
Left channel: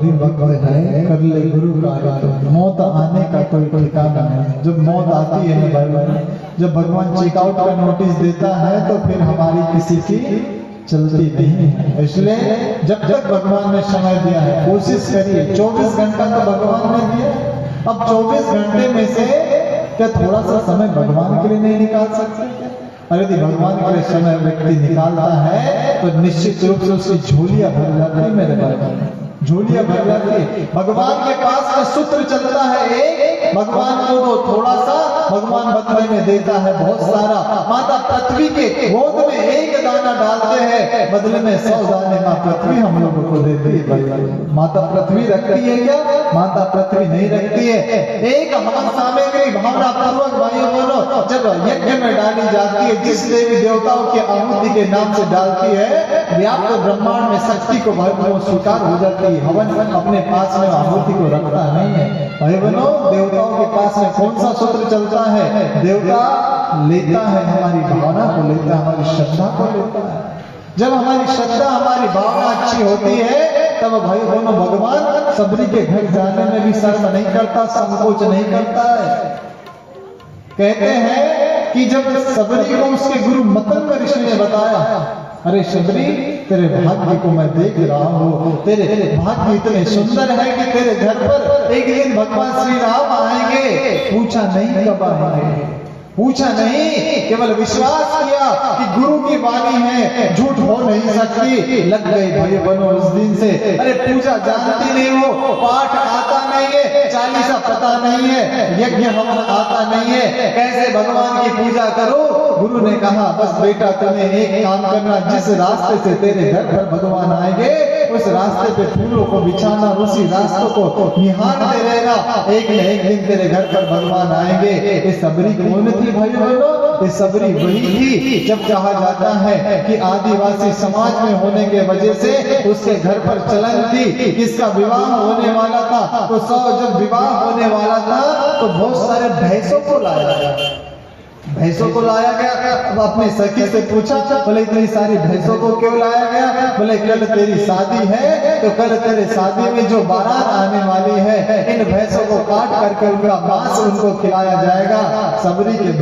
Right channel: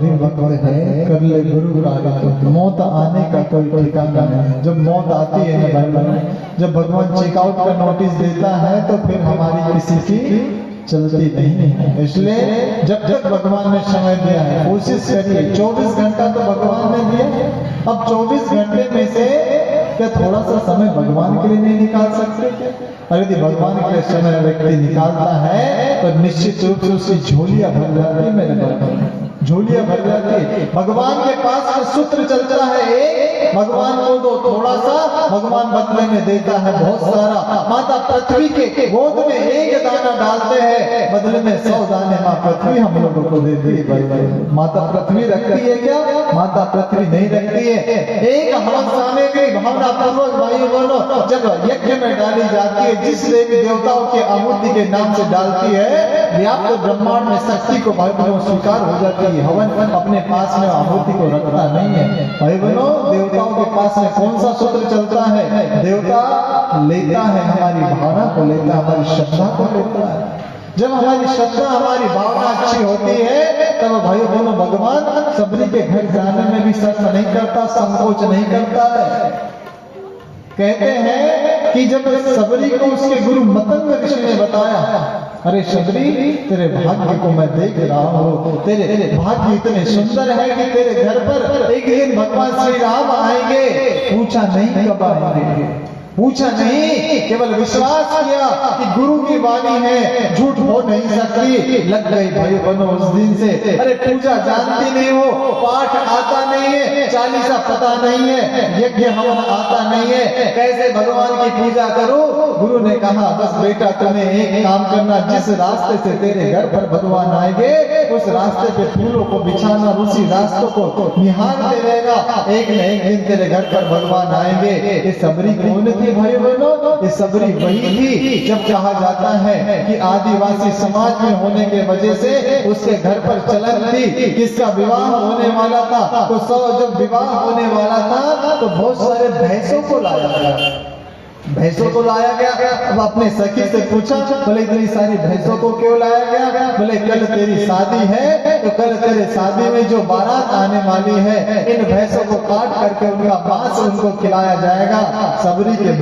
भी वक्त है, कर ले गुरु कार्य। मौत आने का कोई ठिकाना नहीं। जब मौत आती है ना भाई, जब भगवान चेकआउट का नोटिस देता है तो फिर हमारी किसी की चलती नहीं है। इसलिए जब तक भगवान ने समय दिया है कोशिश करिए। 24 घंटा तो भगवान ने दिया, अब 24 घंटे में से क्या थोड़ा सा समय भगवान के लिए नहीं निकाल सकते? और यदि भगवान के लिए समय व्यक्ति निकालता है तो निश्चित रूप से उसकी झोलियां भर जाती है। मेरे भाई, झोलियां भर जाती है। भगवान के पास में सूत्र चलता है एक, भगवान को दो थोड़ा सा, भगवान बदले में देता है बहुत सारा। माता पृथ्वी के गोद में एक दाना डालते हैं, बदले में 100 दाने माँ पृथ्वी हम लोगों को देती है। भाई माता पृथ्वी रखती है क्या? माता पृथ्वी नहीं रखती है। एक हवन सामग्री भावना पूर्वक भाई बोलो जब यज्ञ में डाली जाती है, जिस देवी देवताओं के आहुति के नाम से डालती है, व्याप्त ब्रह्मांड में शक्ति को भाई स्वीकार हो जाती है। हवन अपने पास में आहुति को रखता नहीं है। भाई बनो देवताओं के पास में कौन सा सूत्र चलता है? देवता लेता है हमारी भावना को, लेता है हमारी श्रद्धा को लेता है। जब हमारी श्रद्धा हमारी भावना अच्छी होती है तब भाई दोनों भगवान सबरी के घर जाने में भी शर्म नहीं करता, संकोच नहीं करता है। कहते हैं कि जब सबरी को उसके गुरु मतंग ऋषि ने बताया, अरे शबरी तेरे भाग्य को मैं देख रहा हूँ, तेरे भाग्य इतने सुंदर है कि तेरे घर पर एक दिन भगवान श्री राम आएंगे। पूछा नहीं कब आएंगे, पूछा नहीं, केवल विश्वास किया कि गुरु की वाणी है, झूठ हो नहीं सकती। लग गई भाई बनो उस दिन से। अरे पूजा जानती नहीं हो, पाठ आता नहीं है, चालीसा पता नहीं है, यज्ञ हवन आता नहीं है, कैसे भगवान की पूजा करूं? गुरु ने कहा बस बेटा तुम्हें एक काम करना, जिस रास्ते से तेरे घर पर भगवान आएंगे उस रास्ते पे फूलों को बिछाना, उसी रास्तों को निहारते रहना, एक न एक दिन तेरे घर पर भगवान आएंगे। ये सबरी कौन थी भाई बहनों? ये सबरी वही थी जब कहा जाता है कि आदिवासी समाज में होने के वजह से उसके घर पर चलन थी, किसका विवाह होने वाला था, तो जब विवाह होने वाला था तो बहुत सारे भैंसों को लाया गया, भैंसों को लाया गया। अब अपने सखी से पूछा, बोले इतनी सारी भैंसों को क्यों लाया गया? बोले कल तेरी शादी है तो कल तेरे शादी में जो बारात आने वाली है, इन भैंसों को काट करके उनका मांस उनको खिलाया जाएगा। सबरी के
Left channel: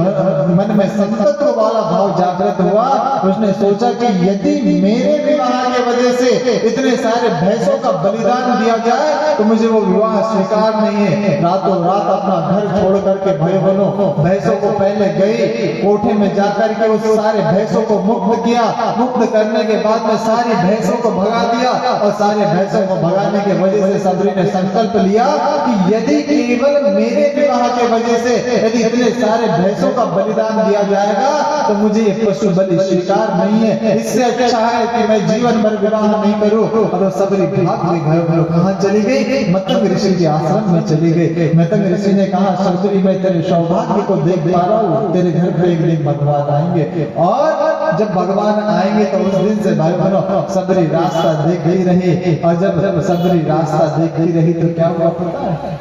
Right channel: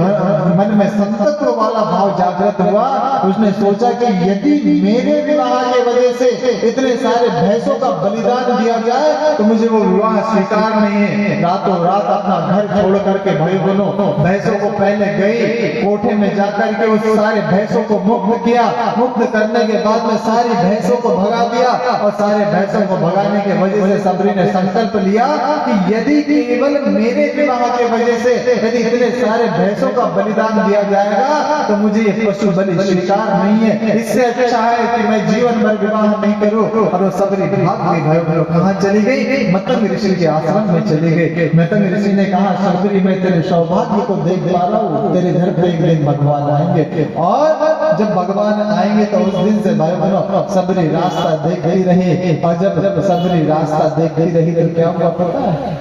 मन में संतत्व वाला भाव जागृत हुआ। उसने सोचा कि यदि मेरे विवाह के वजह से इतने सारे भैंसों का बलिदान दिया जाए तो मुझे वो विवाह स्वीकार नहीं है। रातों रात अपना घर छोड़ करके भाई बनो भैंसों को पहले गई, कोठे में जाकर के उस सारे भैंसों को मुक्त किया। मुक्त करने के बाद में सारी भैंसों को भगा दिया और सारे भैंसों को भगाने के वजह से सबरी ने संकल्प लिया कि यदि केवल मेरे विवाह के वजह से यदि इतने सारे भैंसों का बलिदान दिया जाएगा तो मुझे पशु बलि स्वीकार नहीं है। इससे अच्छा है कि मैं जीवन भर विवाह नहीं करूं। और वो सबरी भाग के घर कहाँ चली गई? मतंग ऋषि के आश्रम में चली गई। मतंग ऋषि ने कहा सबरी मैं तेरे सौभाग्य को देख पा रहा हूँ, तेरे घर पे एक दिन भगवान आएंगे। और जब भगवान आएंगे तो उस दिन से भाई बहनों सबरी रास्ता देखती रही। और जब सबरी रास्ता देखती रही तो क्या हुआ पता है?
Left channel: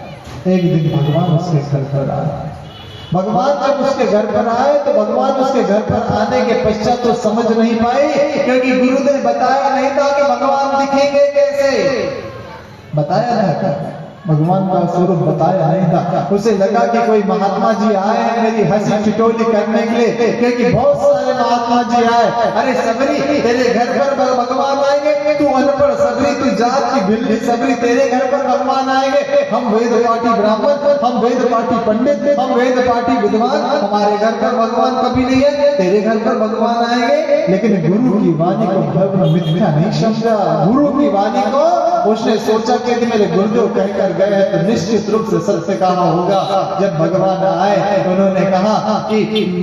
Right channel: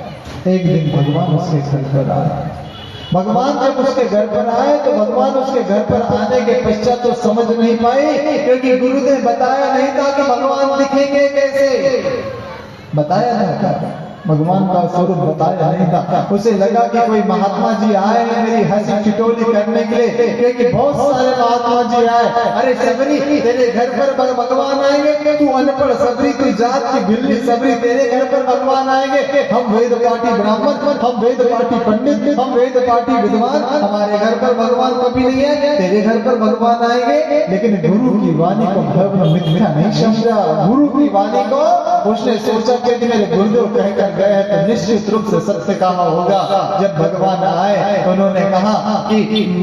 एक दिन भगवान उसके घर पर आए। भगवान जब उसके घर पर आए तो भगवान उसके घर पर आने के पश्चात तो समझ नहीं पाई, क्योंकि गुरु ने बताया नहीं था कि भगवान दिखेंगे कैसे। बताया था भगवान का स्वरूप बताया नहीं था। उसे लगा कि कोई महात्मा जी आए हैं मेरी हंसी ठिठोली करने के लिए, क्योंकि बहुत सारे महात्मा जी आए। अरे सबरी तेरे घर पर भगवान आएंगे, तू अनपढ़ सबरी, तू जात की भिल्ली सबरी, तेरे घर पर भगवान आएंगे। हम वेद पाठी ब्राह्मण, हम वेद पाठी पंडित, हम वेद पाठी विद्वान, हमारे घर पर भगवान कभी नहीं है, तेरे घर पर भगवान आएंगे। लेकिन गुरु की वाणी को धर्म मिथ्या नहीं समझा। गुरु की वाणी को उसने सोचा कि मेरे गुरुदेव कहकर गए हैं तो निश्चित रूप से सत्य कहा होगा। जब भगवान आए उन्होंने कहा कि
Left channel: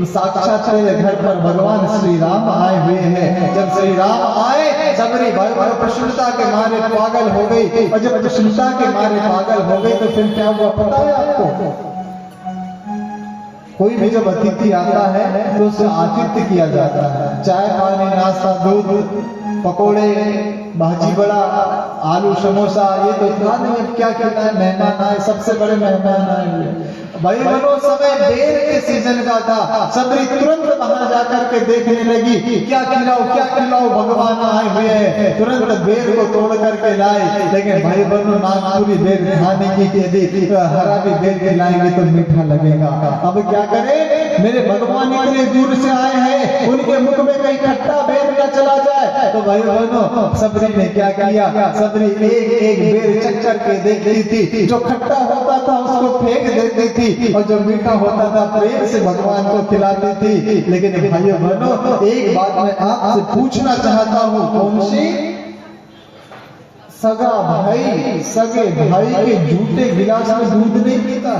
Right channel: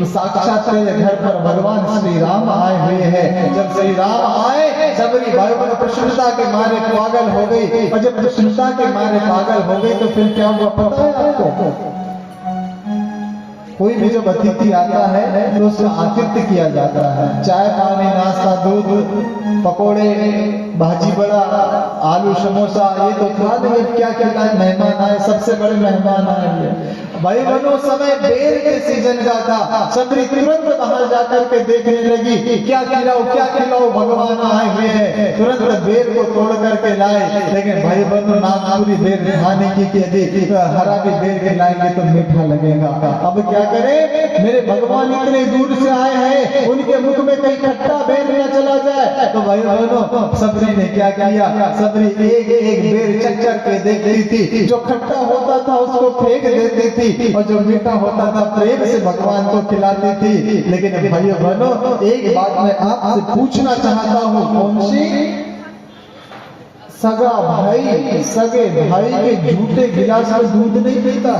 साक्षात तेरे घर पर भगवान श्री राम आए हुए हैं। जब श्री राम आए सबरी भगवान प्रसन्नता के मारे पागल हो गई। और जब प्रसन्नता के मारे पागल हो गई तो फिर क्या हुआ पता है आपको? कोई भी जब अतिथि आता है तो उसका आतिथ्य किया जाता है। चाय पानी नाश्ता दूध पकोड़े भाजी बड़ा आलू समोसा, ये तो बाद में क्या खिलाए, मेहमान आए, सबसे बड़े मेहमान आए भाई बनो। समय बेर के सीजन का था, सबरी तुरंत बाहर जाकर के देखने लगी क्या खिलाओ भगवान आए हुए हैं। तुरंत बेर को तोड़ करके लाए, लेकिन भाई बनो नागपुरी बेर खाने की यदि हरा भी बेर खिलाएंगे तो मीठा लगेगा। अब क्या करें, मेरे भगवान इतने दूर से आए हैं, उनके मुख में कहीं खट्टा बेर न चला जाए। तो भाई बनो सबरी ने क्या किया, सबरी एक एक बेर चख के देखती थी, जो खट्टा होता था उसको फेंक देती थी और जो मीठा होता था प्रेम से भगवान को खिलाती थी। लेकिन भाइयों बहनों, एक बात मैं आपसे पूछना चाहता हूँ, कौन सी? सगे भाई के झूठे गिलास में दूध नहीं पीता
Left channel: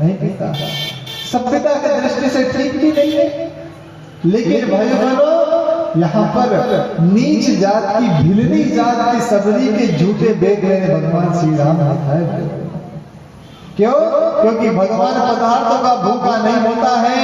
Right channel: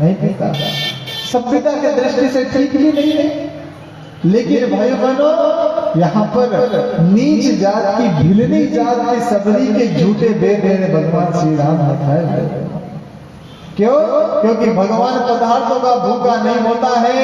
नहीं पीता। सभ्यता की दृष्टि से ठीक भी नहीं है, लेकिन भाई बहनों यहाँ पर नीच जात की भिलनी जात की सबरी के झूठे बेर भगवान श्री राम दिखाए। क्यों? क्योंकि भगवान पदार्थों का भूखा नहीं होता है,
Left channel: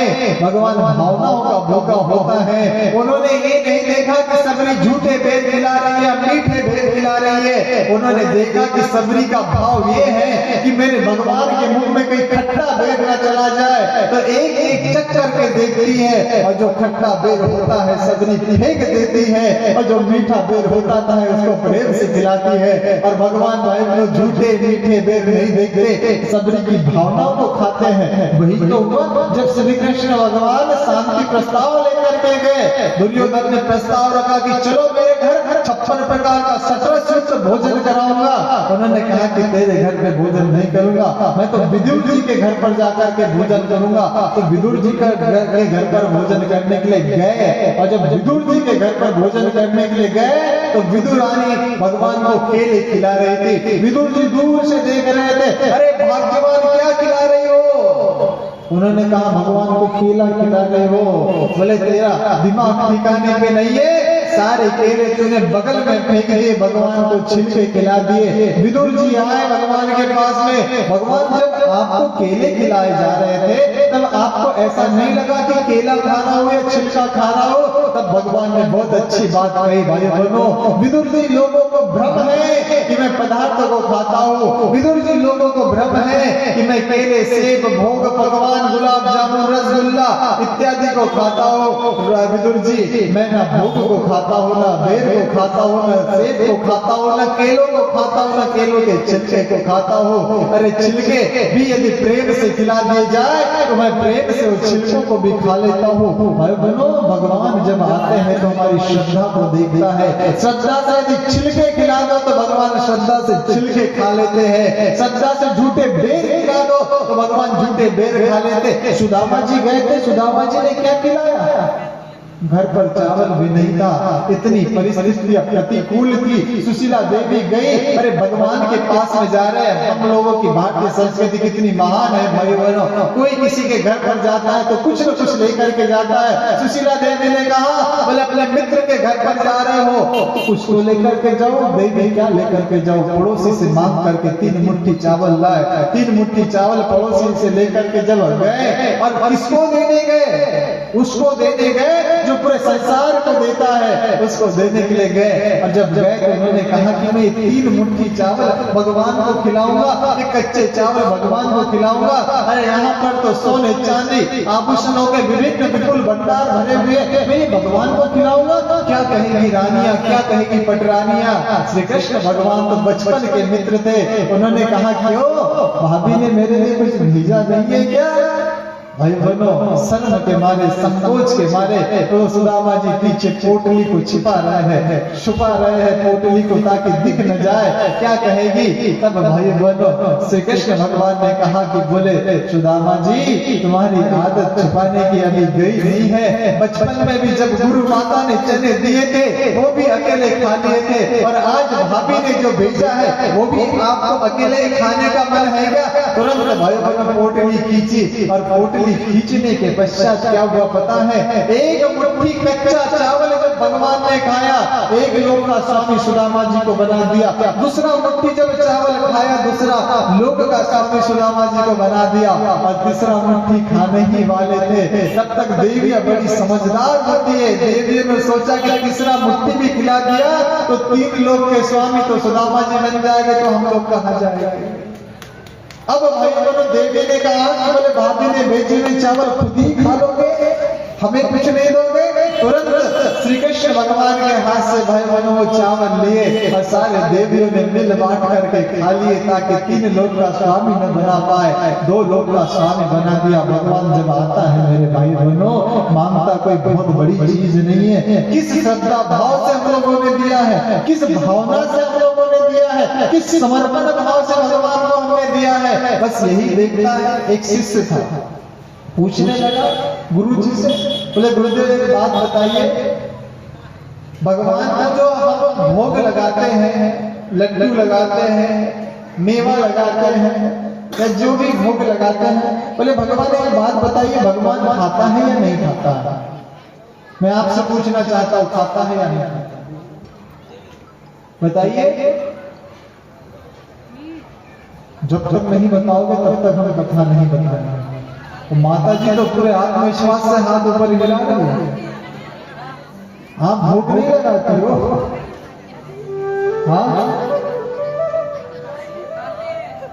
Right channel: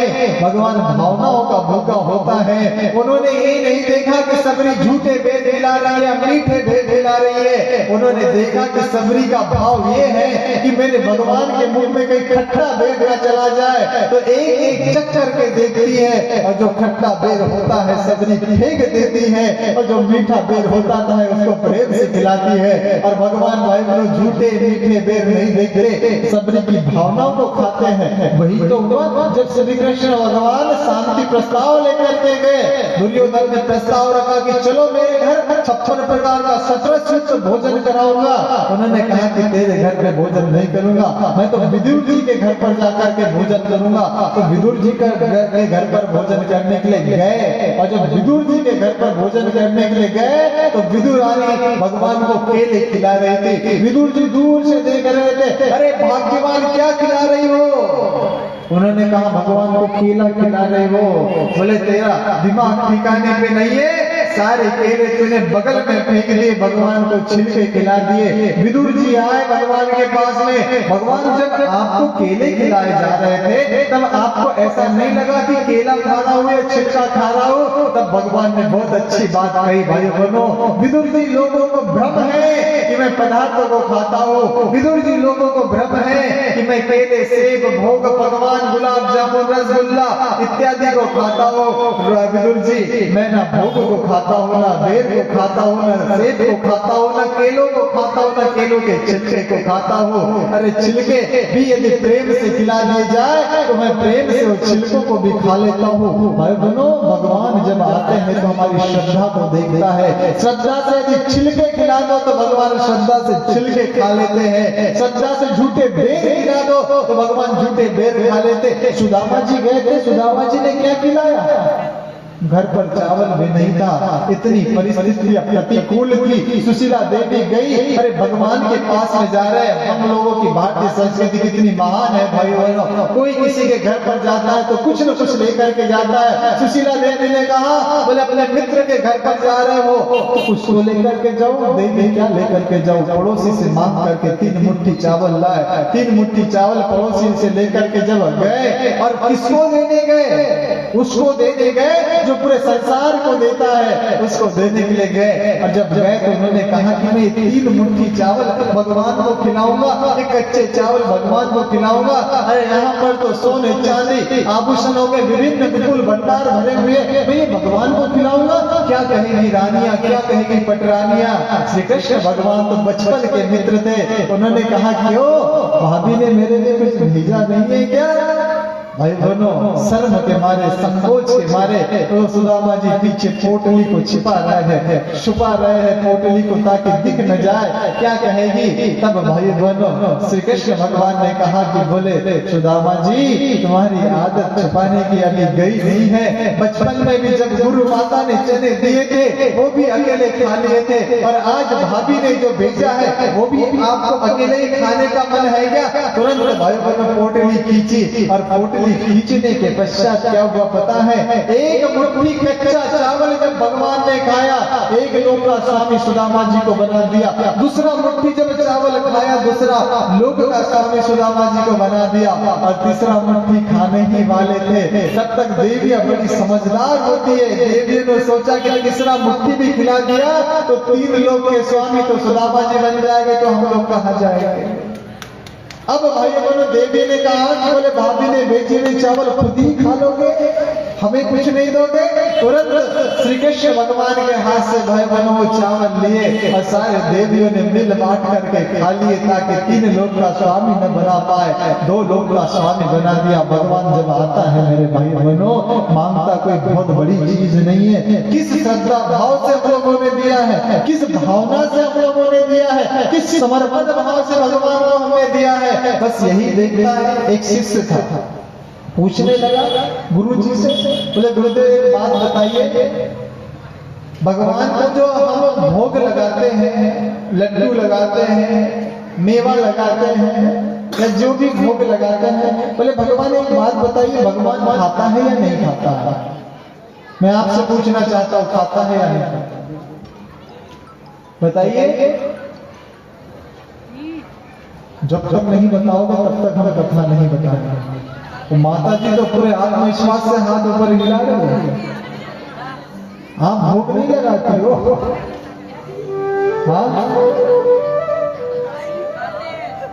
भगवान भावनाओं का भूखा होता है। उन्होंने ये नहीं देखा कि सबरी झूठे बेर खिला रही है, मीठे बेर खिला रही है। उन्होंने देखा कि सबरी का भाव ये है कि मेरे भगवान के मुंह में कहीं खट्टा बेर न चला जाए, तो एक एक चक्कर के देखती है, और जो खट्टा बेर होता है सबरी फेंक देती है, और जो मीठा बेर होता है उसको प्रेम से खिलाती है। और भगवान भाई को झूठे मीठे बेर नहीं देखते, सबरी की भावना को खाते हैं। वही तो हुआ जब श्री कृष्ण भगवान शांति प्रस्ताव लेकर के गए। दुर्योधन ने प्रस्ताव रखा कि चलो मेरे घर 56 प्रकार का 17 भोजन कराऊंगा। उन्होंने कहा कि तेरे घर पे भोजन नहीं करूंगा, मैं तो विदुर जी के घर पर जाकर के भोजन करूंगा। तो विदुर जी के घर पर भोजन करने के लिए गए, और जब विदुर जी के घर पर भोजन करने के लिए गए तो विदुर रानी भगवान को केले खिला रही थी। विदुर जी दूर से देख रहे थे, अरे भाग्यवान क्या खिला रही हो? उन्होंने कहा भगवान को केला खिला रहे हो। बोले तेरा दिमाग ठिकाने पे नहीं है, सारे केले तूने बगल में फेंक दिए, भगवान को छिलके खिला दिए। विदुर जी आए भगवान के पास में, भगवान जब आपको केले खिलाए जा रहे थे तब आपको ऐसा नहीं लगा कि केला खा रहा हो या छिलका खा रहा हो? तब भगवान ने बहुत अच्छी बात कही, भाई बहनों, विदुर जी लोगों को भ्रम है कि मैं पदार्थों को खाता हूँ, विदुर जी लोगों को भ्रम है कि मैं केले सेब भोग पकवान गुलाब जामुन रसगुल्ला इत्यादि को खाता हूँ। विदुर जी मैं ना भोग को खाता हूँ, ना बेर को खाता हूँ, ना सेब को खाता हूँ, ना केलों को खाता हूँ, ना केलों के छिलके को खाता हूँ। अरे छिलके भी यदि प्रेम से खिला दिए जाए तो मैं प्रेम से उस छिलकों को भी खा लेता हूँ। भाई बहनों, भगवान जब आते हैं तो हमारी श्रद्धा को देखता है। श्रद्धा से यदि छिलके खिला दो तो भगवान श्रद्धा से छिलके खा लेते हैं। श्रद्धा से झूठे बेर खिला दो तो भगवान झूठे बेर खा लेते। सुदामा जी गए थे, सुदामा जी ने क्या खिलाया? घर पर चावल भी नहीं था, इतनी परिस्थितियां प्रतिकूल थी। सुशीला देवी गई, अरे भगवान के पास में जा रहे हैं। हम लोगों की भारतीय संस्कृति कितनी महान है भाई बहनों, कोई किसी के घर पर जाता है तो कुछ न कुछ लेकर के जाता है। सुशीला देवी ने कहा, बोले अपने मित्र के घर पर जा रहे हो तो कुछ तो लेकर के जाओ। देवी क्या लेकर के जाओ? पड़ोसी से मांग करके 3 मुट्ठी चावल लाए। 3 मुट्ठी चावल पड़ोसी से लेकर के जब गए, और किसको देने गए? उसको देने गए जो पूरे संसार को देता है, उसको देने के लिए गए। और जब गए तो उन्होंने कहा कि मैं 3 मुट्ठी चावल भगवान को खिलाऊंगा, एक कच्चे चावल भगवान को खिलाऊंगा। अरे यहाँ पर तो सोने चांदी आभूषणों के विभिन्न विपुल भंडार भरे हुए, मैं भगवान को खिलाऊंगा। क्या कहेगी रानियां, क्या कहेगी पटरानियां? श्री कृष्ण भगवान तो बचपन के मित्र थे। उन्होंने कहा क्यों भाभी ने मेरे लिए कुछ भेजा नहीं है क्या? भाई बहनों, शर्म के मारे, संकोच के मारे तो सुदामा जी पीछे पोटली को छिपा रहे हैं, छुपा रहे हैं पोटली को ताकि दिख न जाए। क्या कहेगी? तब भाई बहनों श्री कृष्ण भगवान ने कहा कि बोले सुदामा जी तुम्हारी आदत छुपाने की अभी गई नहीं है। बचपन में भी जब गुरु माता ने चने दिए थे वो भी अकेले खा लिए थे, और आज भाभी ने जो भेजा है वो भी आपको अकेले खाने का मन है क्या? तुरंत भाई बहनों पोटली खींची, और पोटली खींचने के पश्चात क्या हुआ पता है? एक मुट्ठी कच्चा चावल जब भगवान ने खाया, एक लोग का स्वामी सुदामा जी को बना दिया। दूसरा मुट्ठी जब चावल खाया, दूसरा लोक का स्वामी सुदामा जी को बना दिया, और तीसरा मुट्ठी खाने ही वाले थे। तब तक देवियां बड़ी समझदार होती है, देवियों ने सोचा कि तीसरा मुट्ठी भी खिला दिया तो 3 लोक के स्वामी तो सुदामा जी बन जाएंगे, तो हम लोग कहाँ जाएंगे। अब भाई बोलो, देवी ने कहा कि बोले भाभी ने भेजे हुए चावल खुद ही खा लोगे, हमें कुछ नहीं दोगे। तुरंत श्री कृष्ण भगवान के हाथ से भाई बहनों वो चावल लिए और सारे देवियों ने मिल बांट करके खा लिए, ताकि 3 लोक का स्वामी न बना पाए, 2 लोक का स्वामी बना दिया। भगवान जब आता है मेरे भाई बहनों, मांगता कोई बहुत बड़ी चीज नहीं है, किस श्रद्धा भाव से हम लोगों ने दिया है, किस भावना से हम लोगों ने दिया है, किस समर्पण भाव से भगवान को हमने दिया है, बस यही देखता है। एक शिष्य था, पूछने लगा गुरु जी से, बोले गुरुदेव एक बात बताइए, भगवान का जो हम भोग लगाते हैं, लड्डू लगाते हैं, मेवा लगाते हैं, या जो भी भोग लगाते हैं, बोले भगवान एक बात बताइए, भगवान खाता है या नहीं खाता है। मैं आपसे पूछना चाहता हूँ, खाता है या नहीं खाता, बताइए। जब तक नहीं बताओगे तब तक हम कथा नहीं बताएंगे। तो माता जी तो पूरे आत्मविश्वास से हाथ ऊपर हिला रही है, हाँ भूख नहीं लगाती हो, हाँ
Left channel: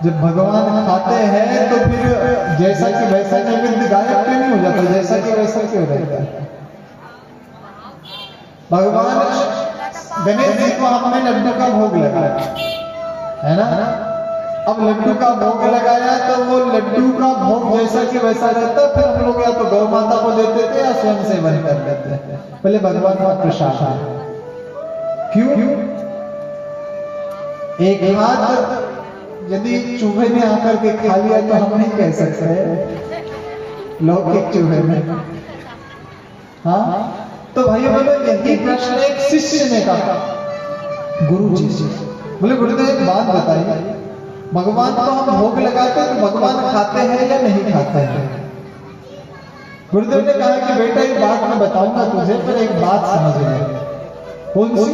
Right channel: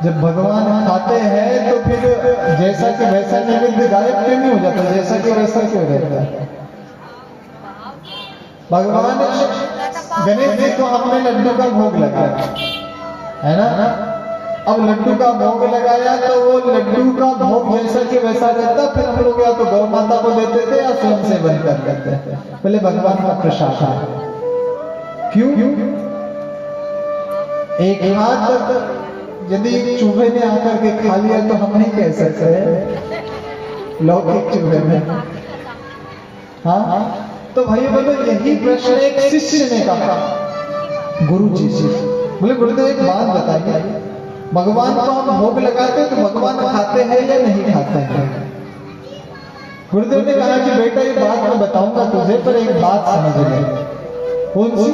जब भगवान खाते हैं तो फिर जैसा कि वैसा नैवेद्य गायब क्यों नहीं हो जाता, जैसा कि वैसा क्यों रहता है। भगवान गणेश जी को हमने लड्डू का भोग लगाया है ना, अब लड्डू का भोग लगाया तो वो लड्डू का भोग जैसा कि वैसा रहता, फिर हम लोग या तो गौ माता को देते थे या स्वयं सेवन कर लेते थे। पहले भगवान का प्रसाद है, क्यों एक हाथ यदि चूहे ने आकर के खा लिया तो हम नहीं कह सकते लौकिक चूहे में, हाँ। तो भाई बोलो, यही प्रश्न एक शिष्य ने कहा गुरु जी से, बोले गुरुदेव एक बात बताइए, भगवान को हम भोग लगाते हैं तो भगवान खाते हैं या नहीं खाते हैं। गुरुदेव ने कहा कि बेटा एक बात मैं बताऊंगा तुझे, पर एक बात समझ ले, कौन सी,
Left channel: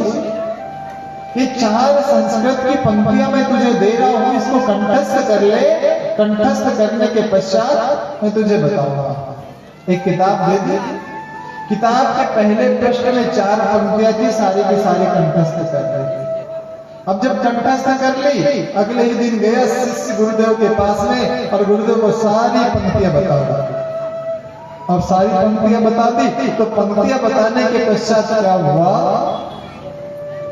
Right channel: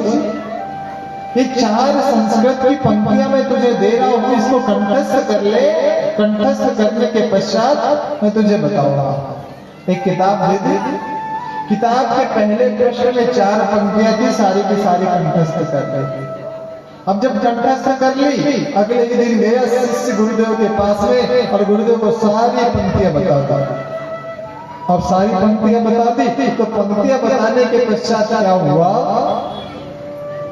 ये 4 संस्कृत की पंक्तियां मैं तुझे दे रहा हूं, इसको कंठस्थ कर ले, कंठस्थ करने के पश्चात मैं तुझे बताऊंगा। एक किताब दे दे, किताब के पहले प्रश्न में 4 पंक्तियां थी, सारी की सारी कंठस्थ कर ली। अब जब कंठस्थ कर ली, अगले ही दिन गया शिष्य गुरुदेव के पास में और गुरुदेव को सारी पंक्तियां बता दी। अब सारी पंक्तियां बता दी तो पंक्तियां बताने के पश्चात क्या हुआ,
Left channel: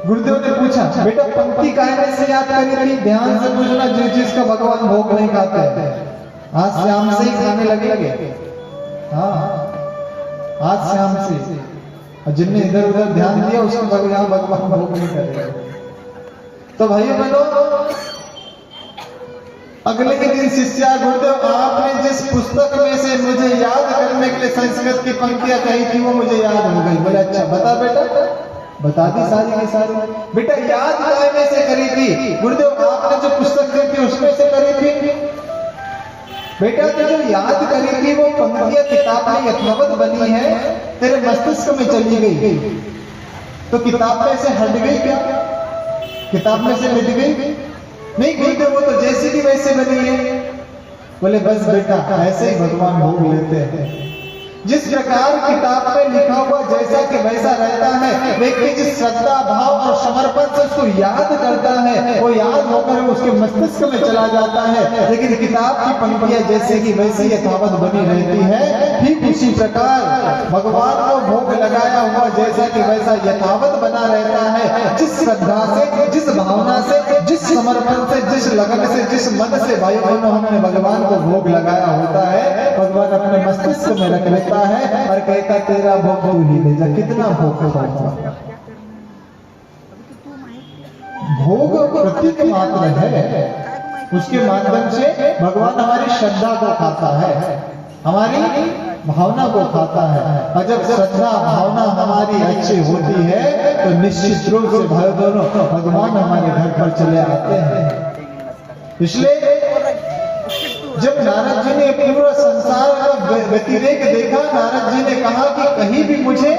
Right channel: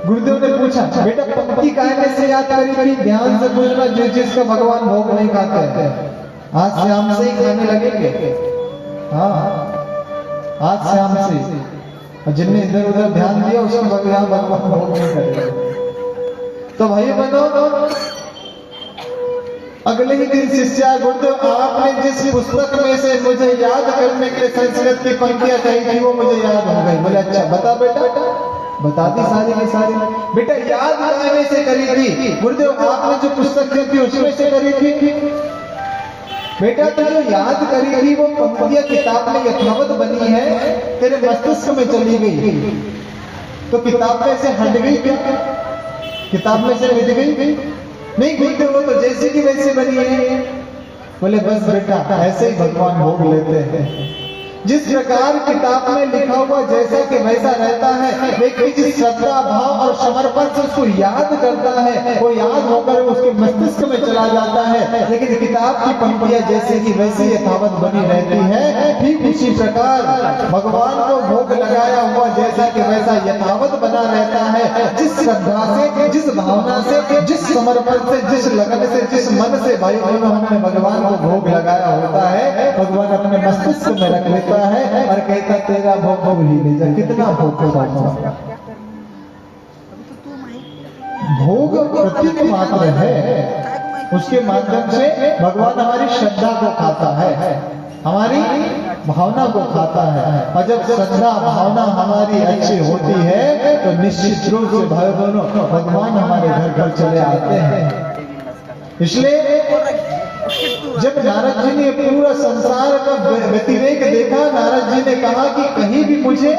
गुरुदेव ने पूछा बेटा पंक्ति कहने से याद करी थी, ध्यान से पूछना, जिसका भगवान भोग नहीं खाते आज शाम से ही खाने लगेंगे, हाँ आज शाम से, जिनने इधर उधर ध्यान दिया उसका भगवान भोग नहीं करेगा। तो भाई बनो, अगले के दिन शिष्य गुरुदेव आपने जिस पुस्तक में से मुझे याद करने के लिए संस्कृत की पंक्तियां कही थी वो मुझे याद हो गई। बोले अच्छा बता बेटा, बता दी सारी की सारी। बेटा याद करने से करी थी गुरुदेव, आपने जो पुस्तक थी उसमें से करी थी। बेटा तो जो याद करी थी वो पंक्तियां किताब में यथावत बनी है, तेरे मस्तिष्क में चली गई, तो किताब में से हट गई क्या, किताब में से मिट गई नहीं, गुरुदेव वो तो जैसी की वैसी बनी है। बोले बस बेटा ऐसे ही भगवान भोग लेते हैं, जिस प्रकार किताब में लिखा हुआ जैसा कि वैसा रहता है, व्यक्ति जिस श्रद्धा भाव और समर्पण से उसको याद करता है वो याद होकर उसके मस्तिष्क में चला जाता है। लेकिन किताब की पंक्तियां जैसे कि वैसी यथावत बनी रहती है, ठीक उसी प्रकार भगवान को भोग लगाया हुआ जैसा कि वैसा यथावत बना रहता है। जिस श्रद्धा से, जिस भावना से, जिस समर्पण से, जिस लगन से, जिस मन से भाई बहनों हमने भगवान को भोग लगाया होता है, भगवान अपने मस्तिष्क में रख लेता है और कहता तेरा भोग तू ही ले जा। कितना भोग होगा, भोग प्रतीक मात्र है, उसके माध्यम से भगवान हमारी श्रद्धा को खाता है, हमारी भावना को खाता है। और जब श्रद्धा भावना हमारी अच्छी होती है तो निश्चित रूप से भाई बहनों भगवान हमारे घर घर चले आते हैं। इसलिए जब नारद जी ने पूरा संसार का व्यतिरेक देखा, नारद जी ने कहा कि कहीं भी मुझे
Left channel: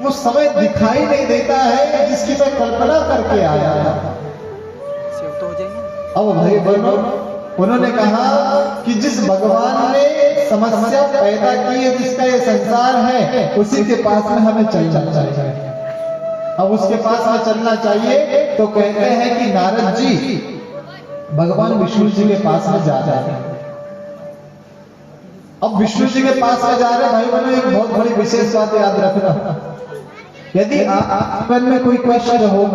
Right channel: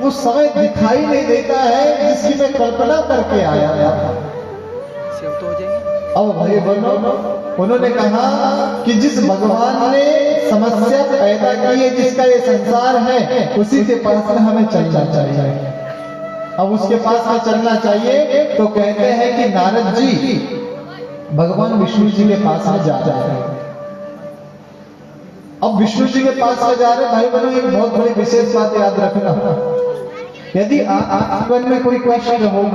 उस समय दिखाई नहीं देता है जिसकी मैं कल्पना करके आया था। सेव तो हो जाएंगे। अब भाई बहनों, उन्होंने कहा कि जिस भगवान ने समस्या पैदा की है, जिसका ये संसार है, उसी के पास में हमें चलना चाहिए। अब उसके पास में चलना चाहिए तो कहते हैं कि नारद जी भगवान विष्णु जी के पास में जा रहे हैं। अब विष्णु जी के पास में जा रहे हैं, भाई बहनों, एक बहुत बड़ी विशेष बात याद रखना, यदि आप जीवन में कोई कष्ट होगा,